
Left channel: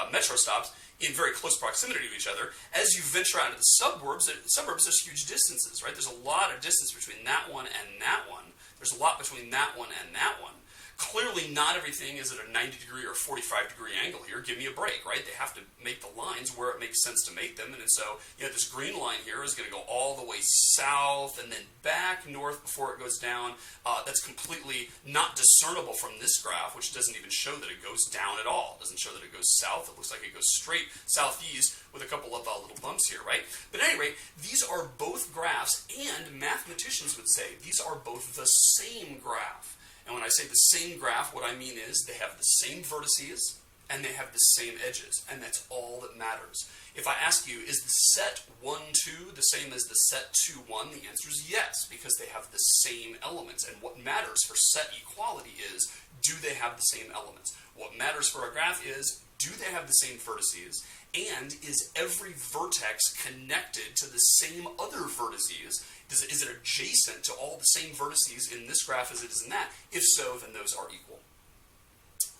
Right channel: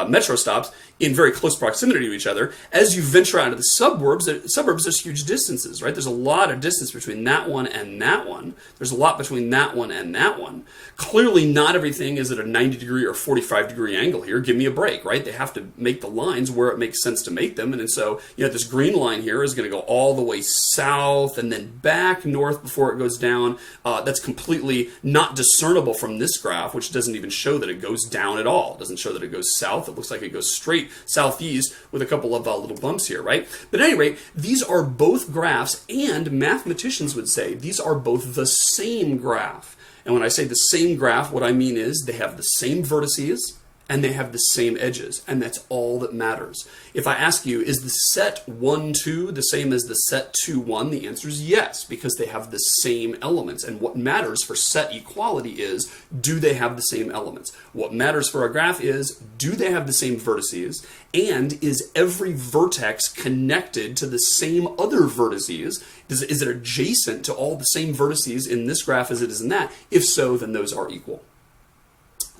metro stops in very close proximity to each other. As you venture out of the suburbs, there's huge distances, right? There's a lot of distance between that one and that one. There's a lot between that one and that one. Clearly, not everything is at a 90 degree or 45 degree angle here. Give me a break, right? They have to make the lines where it makes sense to make them. And so, this green line here is going to go all the way south and then back north before it goes down. That's completely not discernible from this graph, which doesn't even show that it goes down at all. It doesn't show that it goes south. It looks like it goes straight southeast with a couple of little bumps here, right? But at any rate, these are both graphs, and mathematicians would say these are both the same graph. And when I say the same graph, what I mean is they have the same vertices and they have the same edges, and that's all that matters. If I ask you, is the set 1, 2 the same as the set 2, 1? The answer is yes, because they have the same elements. And what matters for set equality is, do they have the same elements? What matters for a graph is, do they have the same vertices? And is every vertex connected to the same other vertices? Is it adjacent to all the same vertices in this graph as it is in that? If so, then those are equal.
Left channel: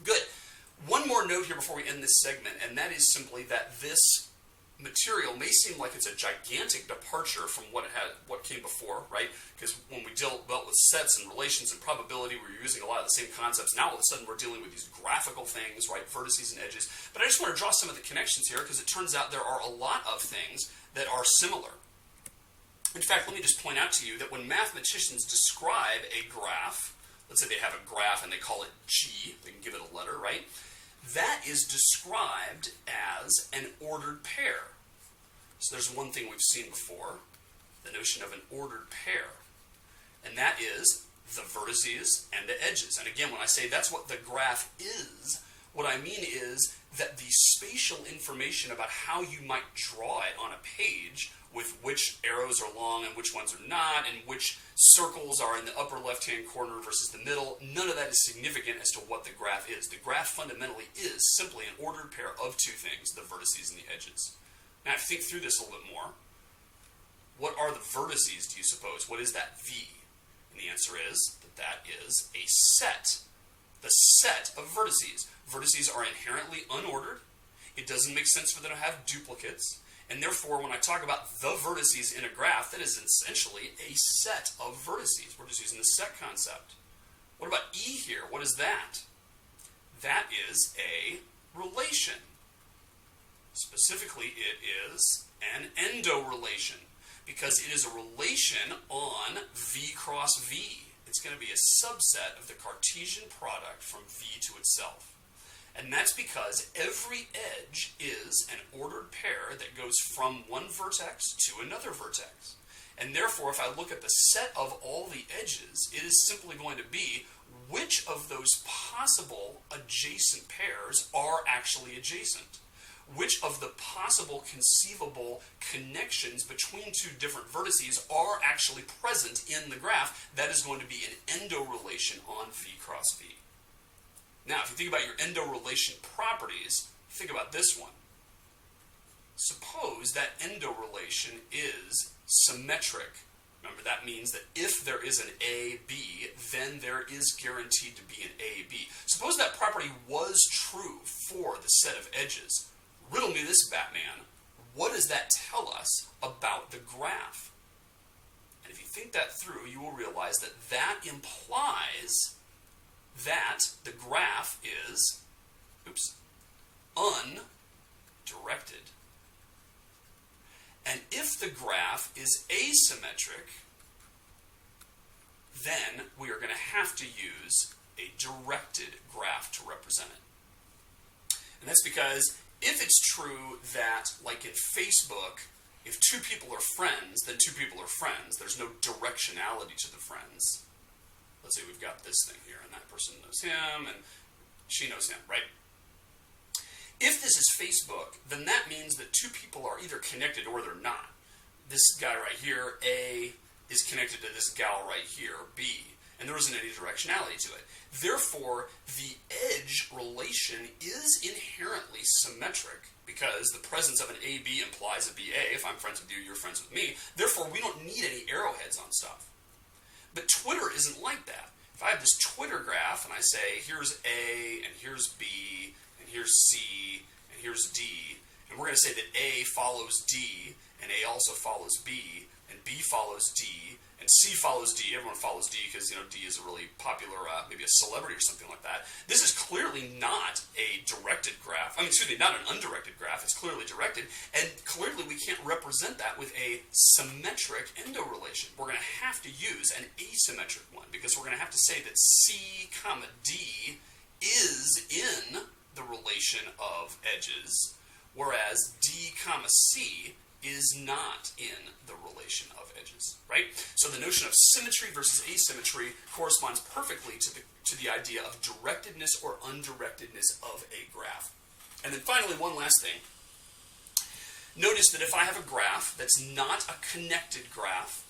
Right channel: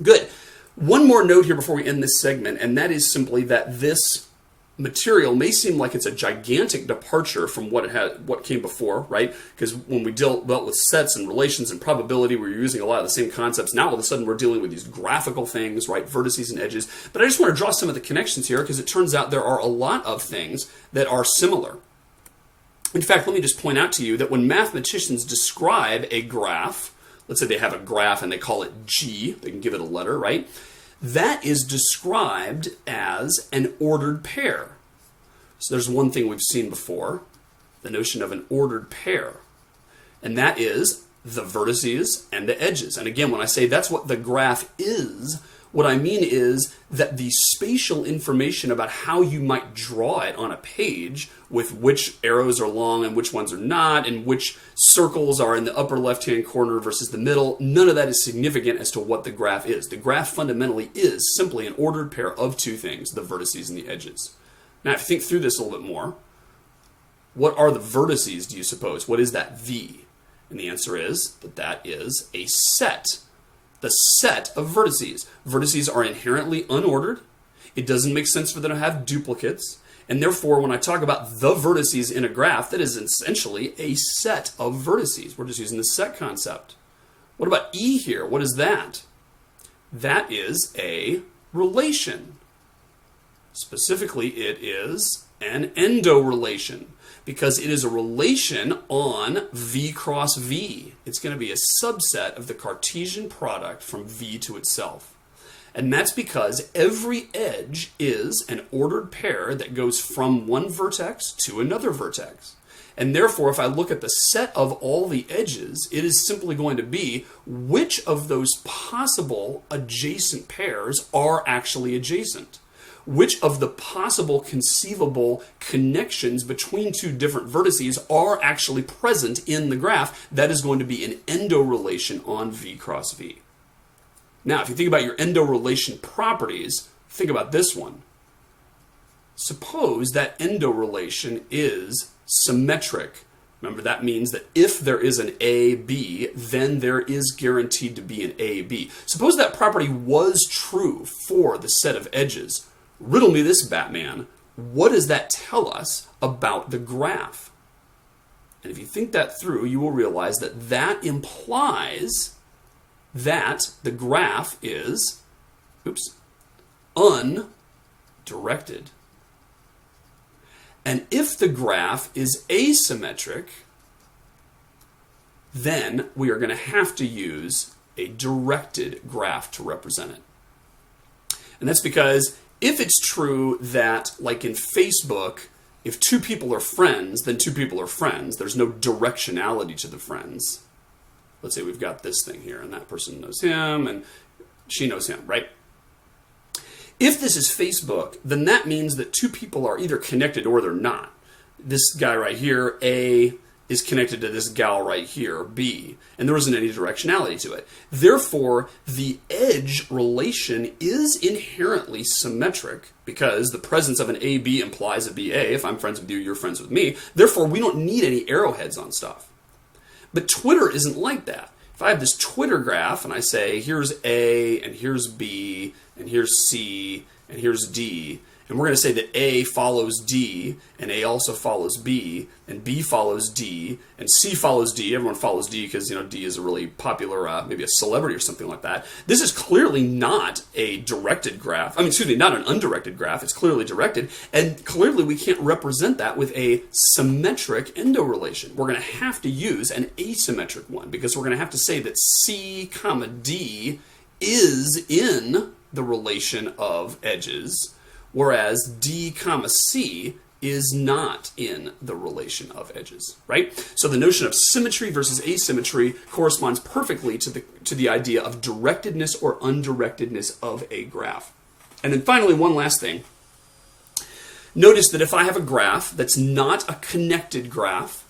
Good. One more note here before we end this segment, and that is simply that this material may seem like it's a gigantic departure from what came before, right? Because when we dealt with sets and relations and probability, we were using a lot of the same concepts. Now all of a sudden we're dealing with these graphical things, right? Vertices and edges. But I just want to draw some of the connections here, because it turns out there are a lot of things that are similar. In fact, let me just point out to you that when mathematicians describe a graph, let's say they have a graph and they call it G, they can give it a letter, right? That is described as an ordered pair. So there's one thing we've seen before, the notion of an ordered pair. And that is the vertices and the edges. And again, when I say that's what the graph is, what I mean is that the spatial information about how you might draw it on a page, with which arrows are long and which ones are not, and which circles are in the upper left-hand corner versus the middle, none of that is significant as to what the graph is. The graph fundamentally is simply an ordered pair of two things, the vertices and the edges. Now, if you think through this a little bit more, what are the vertices, do you suppose? What is that V? And the answer is that that is a set. The set of vertices. Vertices are inherently unordered. It doesn't make sense for them to have duplicates. And therefore, when I talk about the vertices in a graph, that is essentially a set of vertices. We're just using the set concept. What about E here? What is that? That is a relation. Specifically, it is an endo relation, because it is a relation on V cross V. It's going to be a subset of the Cartesian product from V to itself. And that's because every edge is an ordered pair that goes from one vertex to another vertex. And therefore, if I look at the set of all the edges, it is simply going to be which of those possible adjacent pairs are actually adjacent. Which of the possible conceivable connections between two different vertices are actually present in the graph. That is going to be an endo relation on V cross V. Now, if you think about your endo relation properties, think about this one. Suppose that endo relation is symmetric. Remember, that means that if there is an AB, then there is guaranteed to be an AB. Suppose that property was true for the set of edges. Riddle me this, Batman. What does that tell us about the graph? And if you think that through, you will realize that that implies that the graph is, undirected. And if the graph is asymmetric, then we are going to have to use a directed graph to represent it. And that's because if it's true that, like in Facebook, if two people are friends, then two people are friends. There's no directionality to the friends. Let's say we've got this thing here, and that person knows him, and she knows him, right? If this is Facebook, then that means that two people are either connected or they're not. This guy right here, A, is connected to this gal right here, B, and there isn't any directionality to it. Therefore, the edge relation is inherently symmetric, because the presence of an AB implies a BA. If I'm friends with you, you're friends with me. Therefore, we don't need any arrowheads on stuff. But Twitter isn't like that. If I have this Twitter graph and I say, here's A, and here's B, and here's C, and here's D, and we're going to say that A follows D, and A also follows B, and B follows D, and C follows D. Everyone follows D because, D is a really popular, maybe a celebrity or something like that. This is clearly not a directed graph. Not an undirected graph. It's clearly directed, and clearly we can't represent that with a symmetric endo relation. We're going to have to use an asymmetric one, because we're going to have to say that C, D is in the relation of edges, whereas D, C is not in the relation of edges, right? So the notion of symmetry versus asymmetry corresponds perfectly to the idea of directedness or undirectedness of a graph. And then finally, one last thing. Notice that if I have a graph that's not a connected graph,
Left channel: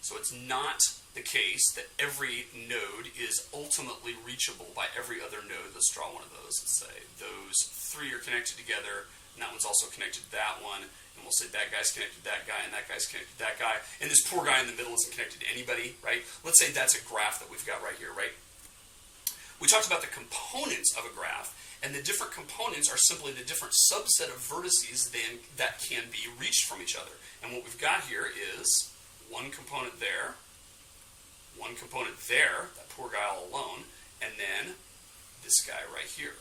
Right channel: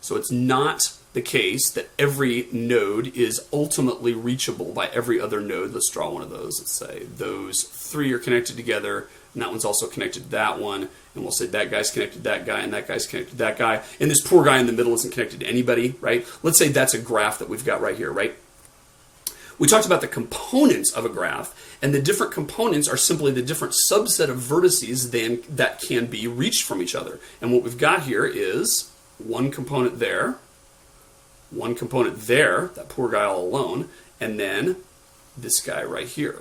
so it's not the case that every node is ultimately reachable by every other node. Let's draw one of those. Let's say those three are connected together, and that one's also connected to that one. And we'll say that guy's connected to that guy, and that guy's connected to that guy. And this poor guy in the middle isn't connected to anybody, right? Let's say that's a graph that we've got right here, right? We talked about the components of a graph, and the different components are simply the different subset of vertices that can be reached from each other. And what we've got here is one component there, that poor guy all alone, and then this guy right here.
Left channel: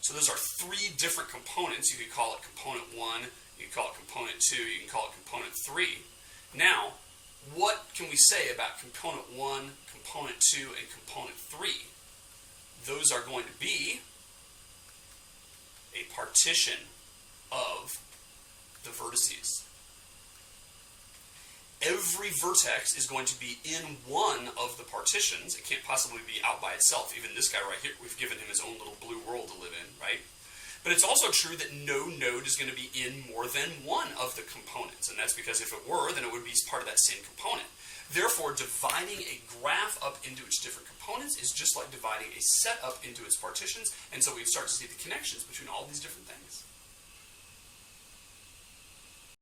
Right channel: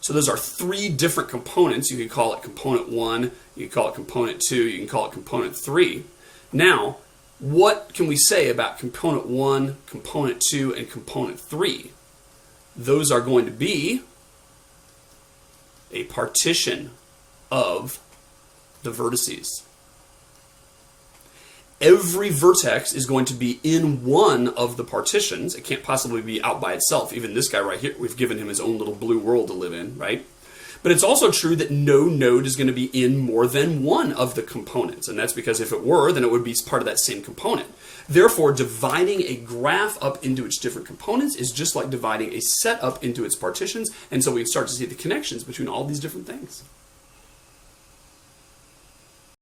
So those are three different components. You could call it component 1, you can call it component 2, you can call it component 3. Now, what can we say about component 1, component 2, and component 3? Those are going to be a partition of the vertices. Every vertex is going to be in one of the partitions. It can't possibly be out by itself. Even this guy right here, we've given him his own little blue world to live in, right? But it's also true that no node is going to be in more than one of the components. And that's because if it were, then it would be part of that same component. Therefore, dividing a graph up into its different components is just like dividing a set up into its partitions. And so we start to see the connections between all these different things.